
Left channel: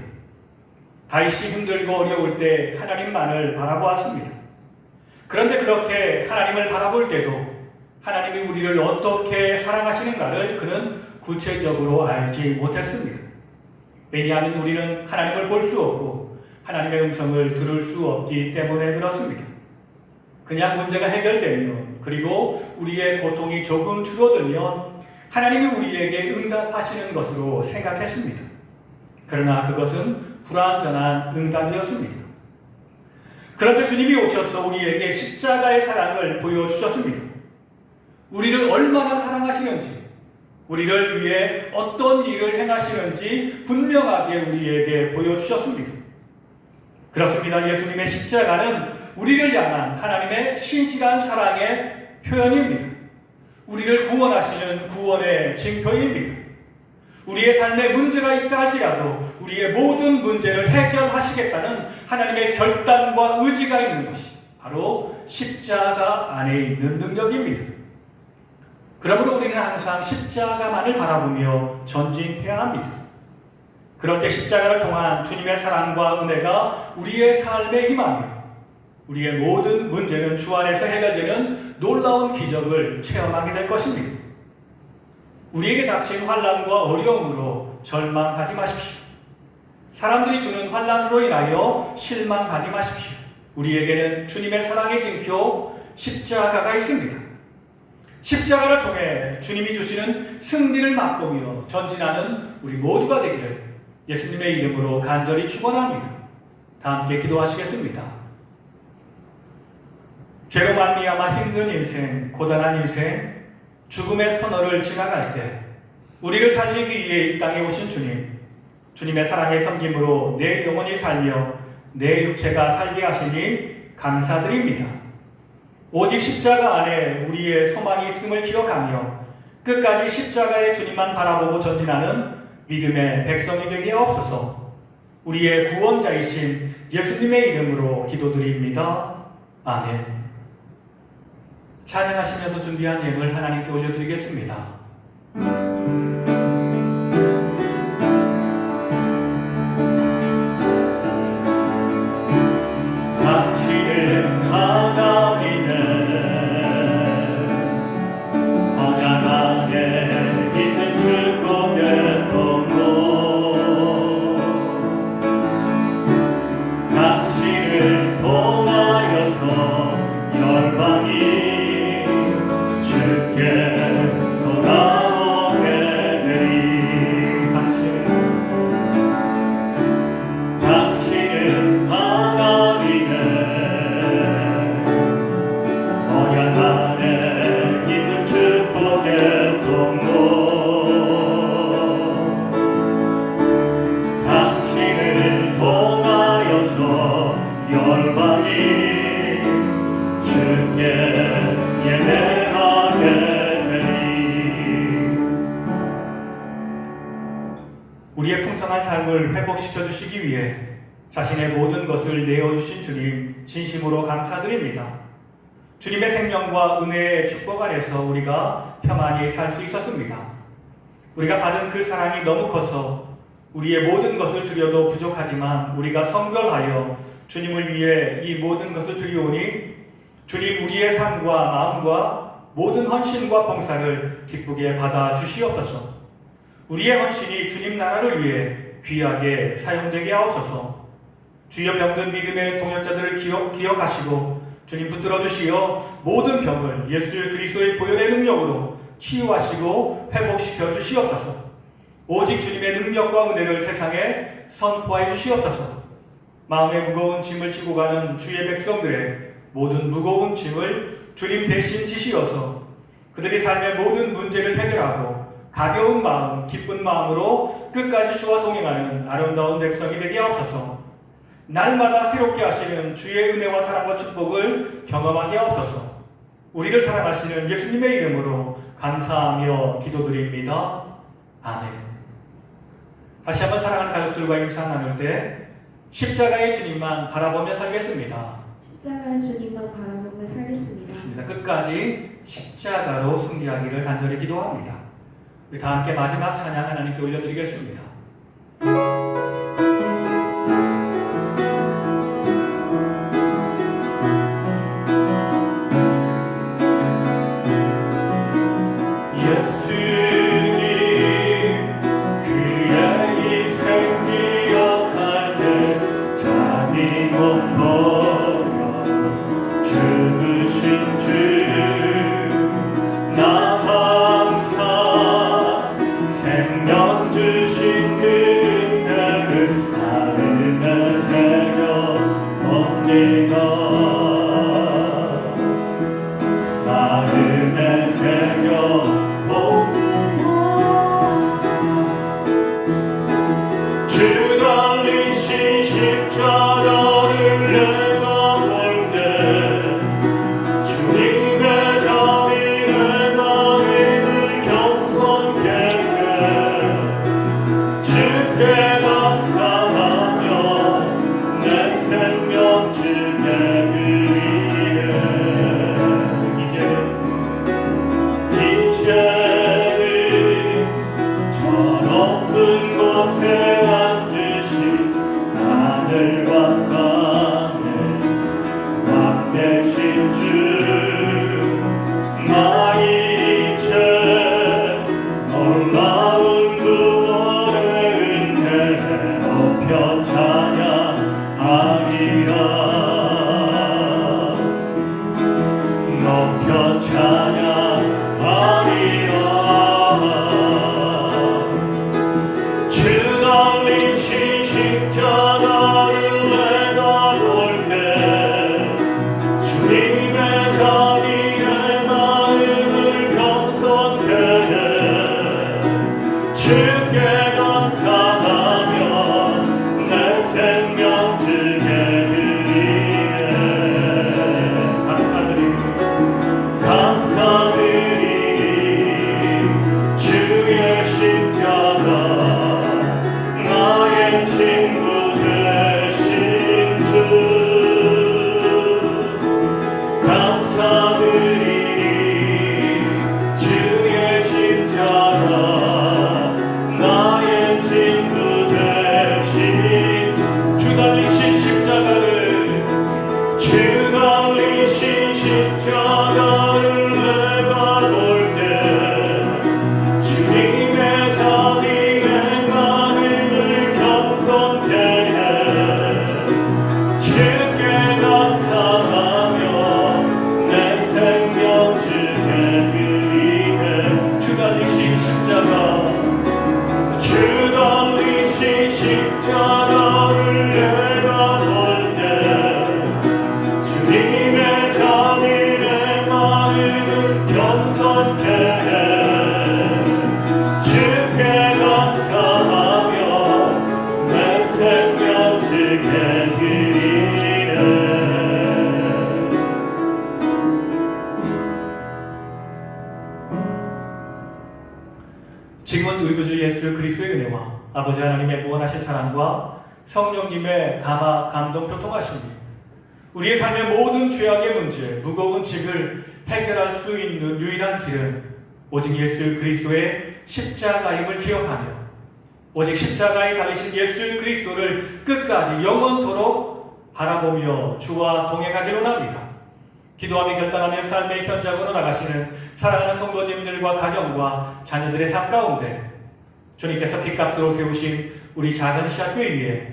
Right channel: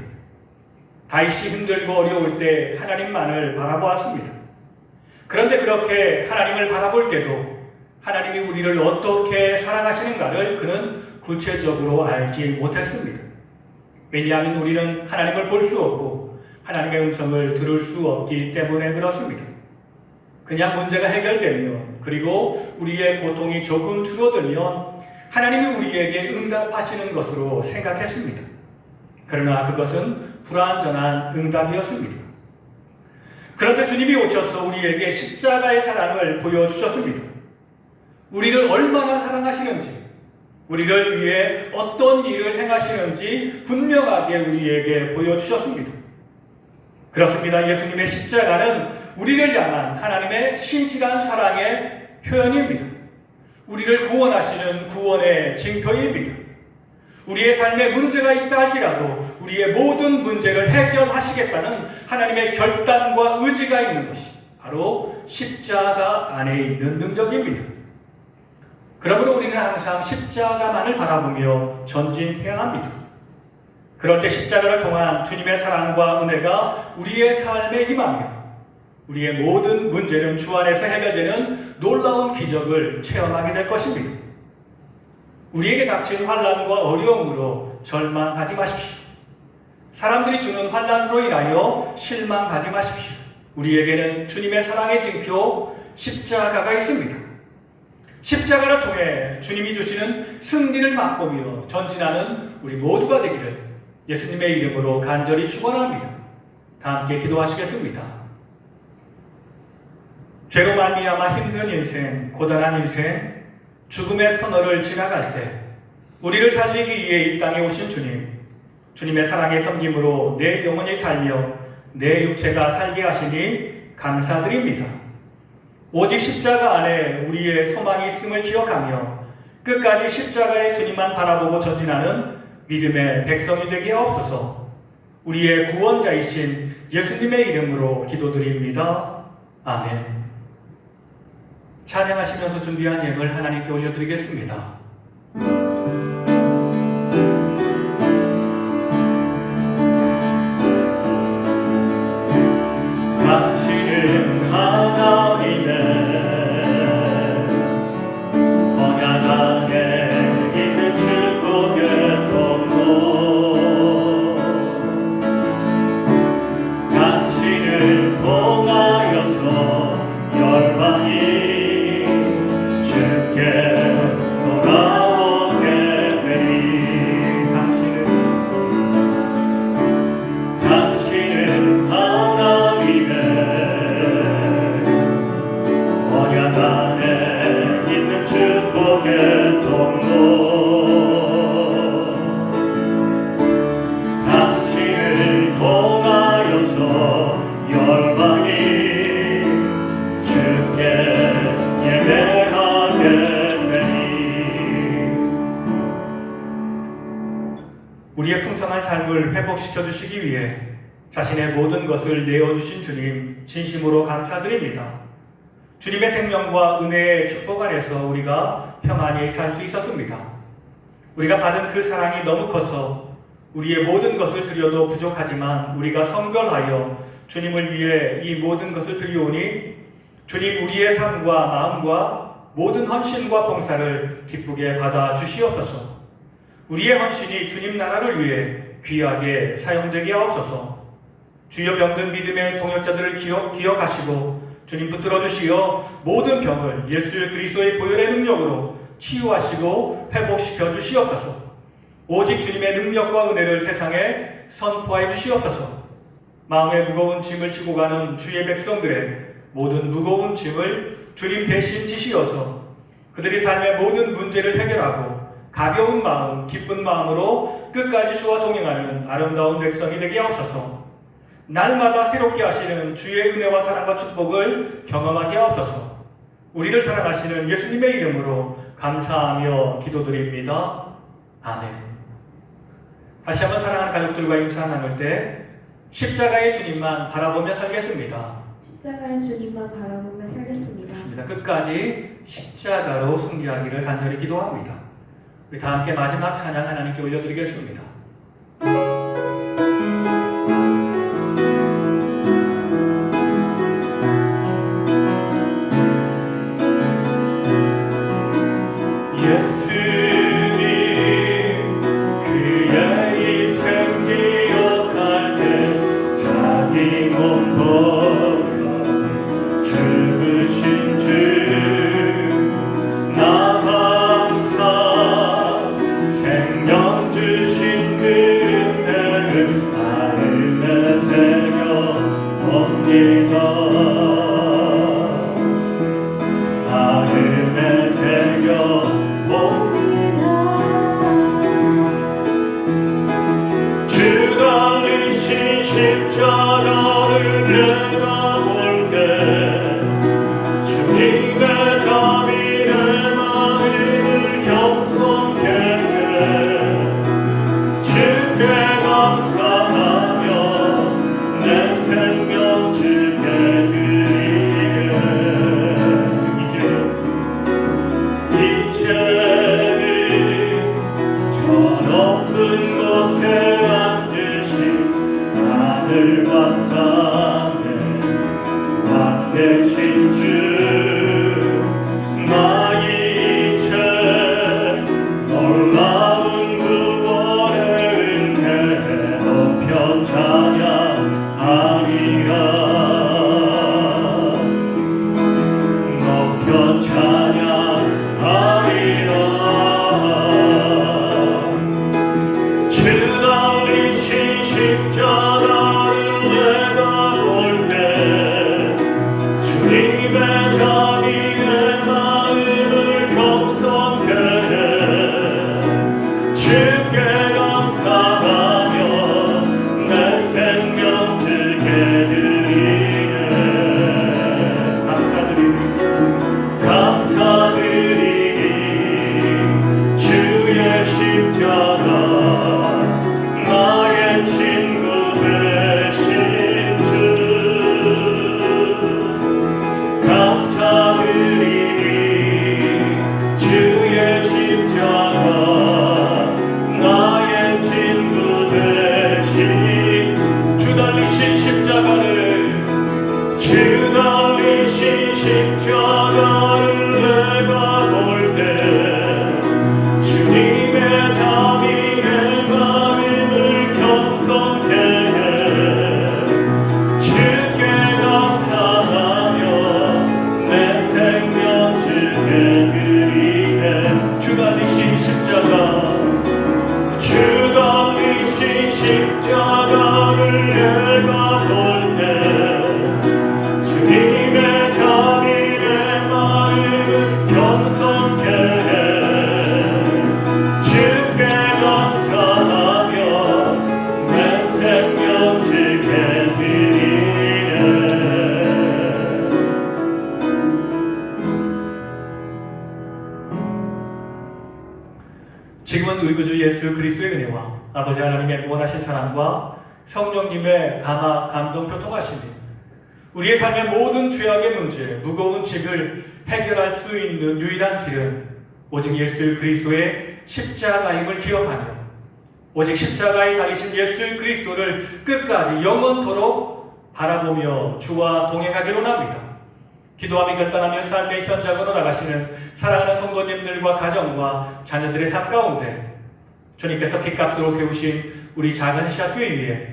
다윗이 힘들고 어려울 때 하나님만을 바라보았습니다. 그런데 그렇게 하나님을 바라볼 때도 하나님이 우리를 어떻게 사랑하시는가를 그는 구체적으로 알지 못했습니다. 왜냐하면 우리는 하나님을 볼 수 없고 하나님의 음성을 들을 수 없기 때문에 그렇습니다. 그냥 문제가 해결되면 그리고 우리의 고통이 조금 줄어들면 하나님이 우리에게 응답하시는 것으로 생각했습니다. 그러나 그것은 불완전한 응답이었습니다. 그런데 주님이 오셔서 우리에게 십자가의 사랑을 보여주셨습니다. 우리를 얼마나 사랑하시는지, 우리를 위해 어떤 일을 행하시는지 분명하게 우리에게 보여주셨습니다. 그렇습니다. 예수님의 십자가는 우리를 향한 하나님의 신실한 사랑의 표현입니다. 우리를 구원하시는 구원의 징표입니다. 우리의 삶에 문제가 있다 할지라도 우리의 모든 문제를 해결하시겠다는 하나님의 결단과 의지가 있는 것이 바로 십자가 안에 있는 능력입니다. 그러므로 우리는 항상 십자가만을 바라보며 전진해야 합니다. 그런데 십자가를 통한 주님의 사랑과 은혜가 우리의 삶에 임하며 우리의 모든 문제는 주 안에서 해결되는 놀라운 기적을 체험하게 될 것입니다. 우리에게 닥친 환난과 어려움으로 절망하지 마십시오. 사람들이 주는 환난으로 인하여 실망하지 마십시오. 우리에게는 주님의 사랑의 징표 십자가가 있습니다. 십자가를 통해 주님이 주시는 승리를 맛보며 전진하는 우리 모두가 되기를 예수님의 이름으로 간절히 축원합니다. 다 함께 기도하시겠습니다. 죄로 말미암아 힘든 인생, 고단한 인생, 죽음의 터널을 지나갈 때 우리를 살리기 위해 이 땅에 오신 주님, 주님의 사랑의 섬김으로 내 영혼이 살며 내 육체가 살게 하시니 감사드립니다. 오직 십자가 안에 우리의 소망이 있음을 기억하며 끝까지 십자가의 주님만 바라보고 전진하는 믿음의 백성이 되게 하옵소서. 우리의 구원자이신 예수님의 이름으로 기도드립니다. 아멘. 찬양하시면서 준비한 예물 하나님께 올려드리겠습니다. 당신은 하나님의 언약안에 있는 축복의 통로, 당신을 통하여서 열방이 주께 돌아오게 열방이 주께 예배하게 되리. 우리의 풍성한 삶을 회복시켜 주시기 위해 자신의 모든 것을 내어주신 주님 진심으로 감사드립니다. 주님의 생명과 은혜의 축복 안에서 우리가 평안히 살 수 있었습니다. 우리가 받은 그 사랑이 너무 커서 우리의 모든 것을 드려도 부족하지만 우리가 성결하여 주님을 위해 이 모든 것을 드리오니 주님 우리의 삶과 마음과 모든 헌신과 봉사를 기쁘게 받아 주시옵소서. 우리의 헌신이 주님 나라를 위해 귀하게 사용되게 하옵소서. 주여 병든 믿음의 동역자들을 기억하시고 주님 붙들어 주시어 모든 병을 예수 그리스도의 보혈의 능력으로 치유하시고 회복시켜 주시옵소서. 오직 주님의 능력과 은혜를 세상에 선포해 주시옵소서. 마음의 무거운 짐을 지고 가는 주의 백성들의 모든 무거운 짐을 주님 대신 지시어서 그들이 삶의 모든 문제를 해결하고 가벼운 마음, 기쁜 마음으로 끝까지 주와 동행하는 아름다운 백성이 되게 하옵소서. 날마다 새롭게 하시는 주의 은혜와 사랑과 축복을 경험하게 하옵소서. 우리를 사랑하시는 예수님의 이름으로 감사하며 기도드립니다. 아멘. 다시 한번 사랑하는 가족들과 인사 나눌 때 십자가의 주님만 바라보며 살겠습니다. 십자가의 주님만 바라보며 살겠습니다. 좋습니다. 끝까지 십자가로 승리하기를 간절히 기도합니다. 우리 다 함께 마지막 찬양 하나님께 올려드리겠습니다. 높은 곳에 앉으신 하늘 만나네. 사랑과 성령님의 감동 교통하심이 우리의 삶의 모든 죄악의 문제, 무거운 짐을 해결할 수 있는 유일한 길은 오직 예수 그리스도의 십자가임을 기억하며 오직 십자가에 달리신 예수 그리스도를 끝까지 영원토록 바라보며 주와 동행하기로 합니다. 기도하며 결단하며 삶의 현장으로 나가시는 사랑하는 성도님들과 가정과 자녀들의 삶 가운데 주님께서 핏값으로 세우신 우리 작은 시학교회 위에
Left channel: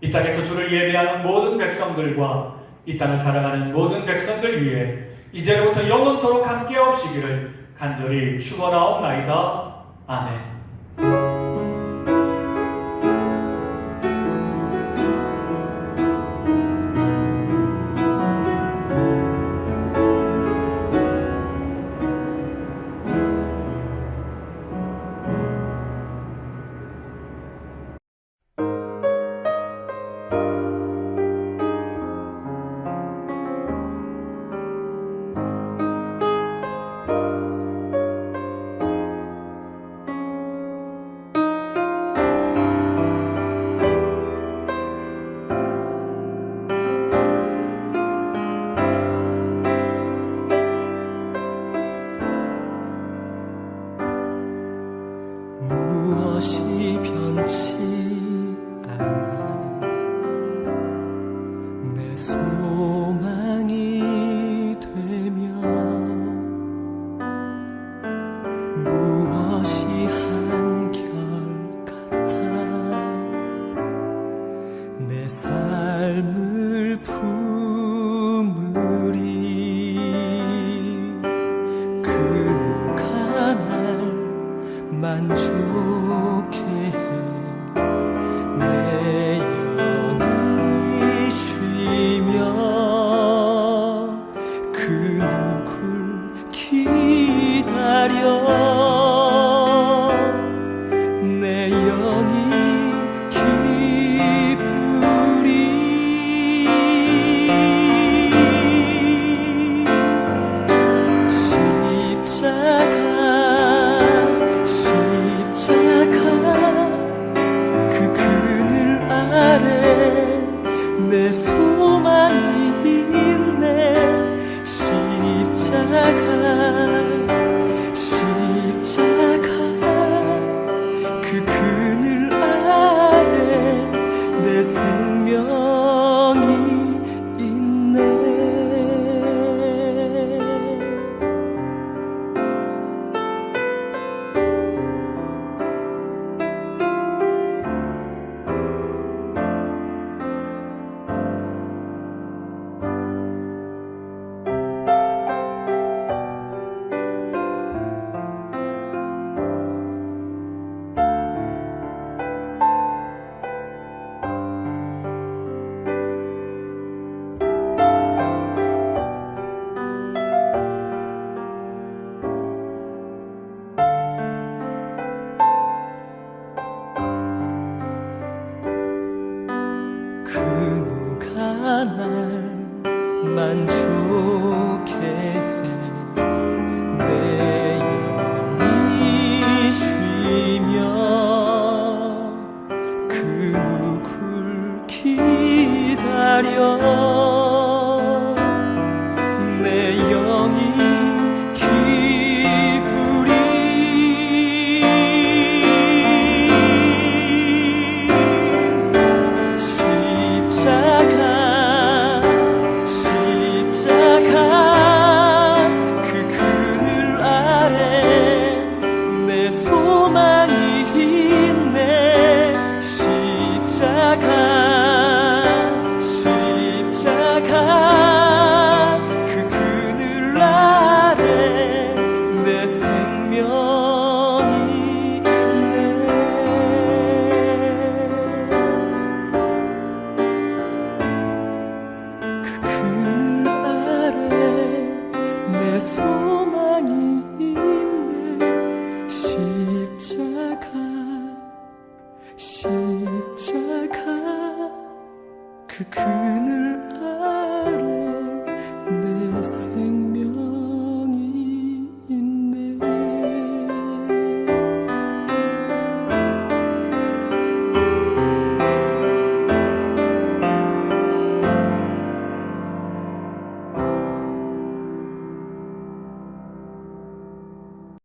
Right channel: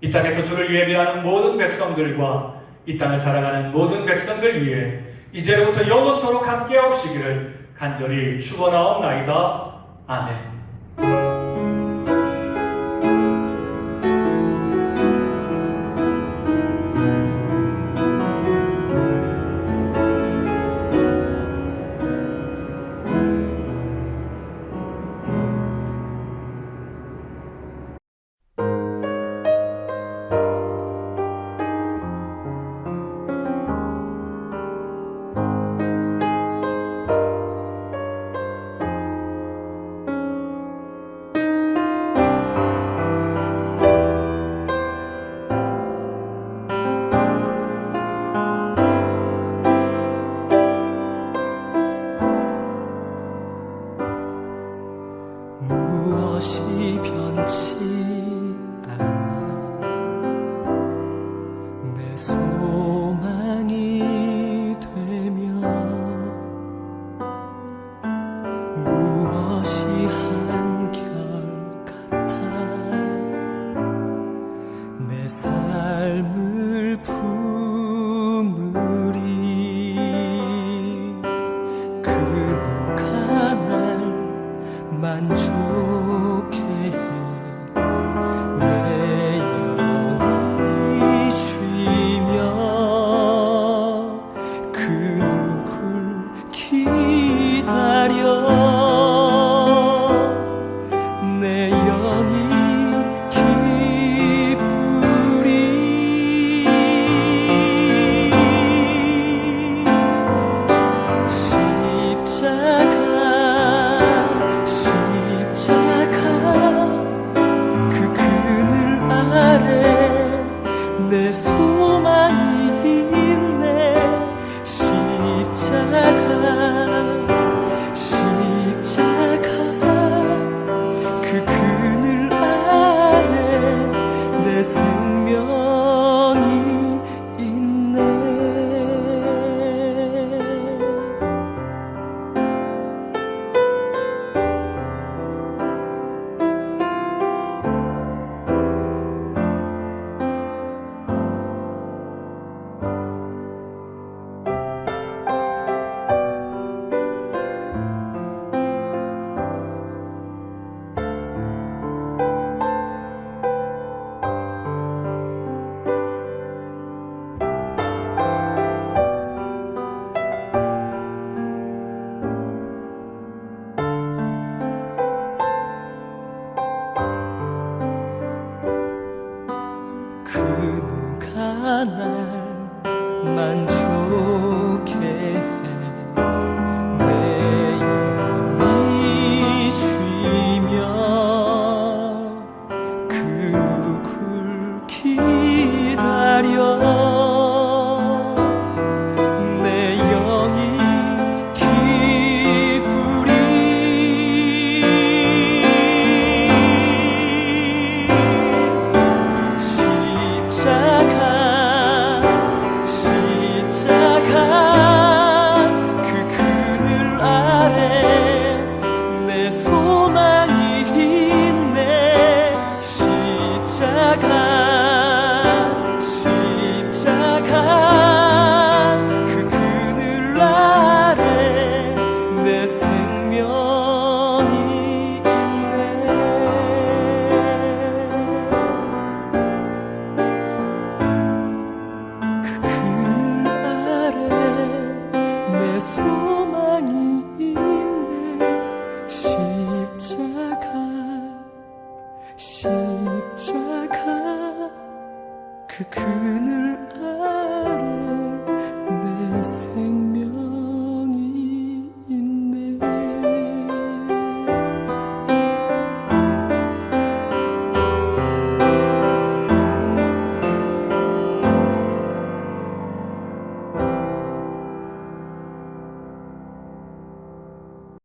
이 땅에서 주를 예배하는 모든 백성들과 이 땅을 살아가는 모든 백성들 위해 이제로부터 영원토록 함께 하시기를 간절히 축원하옵나이다. 아멘. 무엇이 변치 않아 내 소망이 되며 무엇이 한결 같아 내 삶을 품으리 그 누가 날 만족해 내 영이 쉬며 그 누굴 기다려 내 영이 기쁘리 그 그늘 아래 내 소망이 있네 십자가 그 그늘 아래 내 생명이 있네 그 누가 날 만족해 내 영이 쉬며 그 누굴 기다려 내 영이 십자가 그 그늘 아래 내 소망이 있네 십자가 그 그늘 아래 내 생명이 있네 그 그늘 내 소망이 있네 십자가 그 그늘 아래 내 생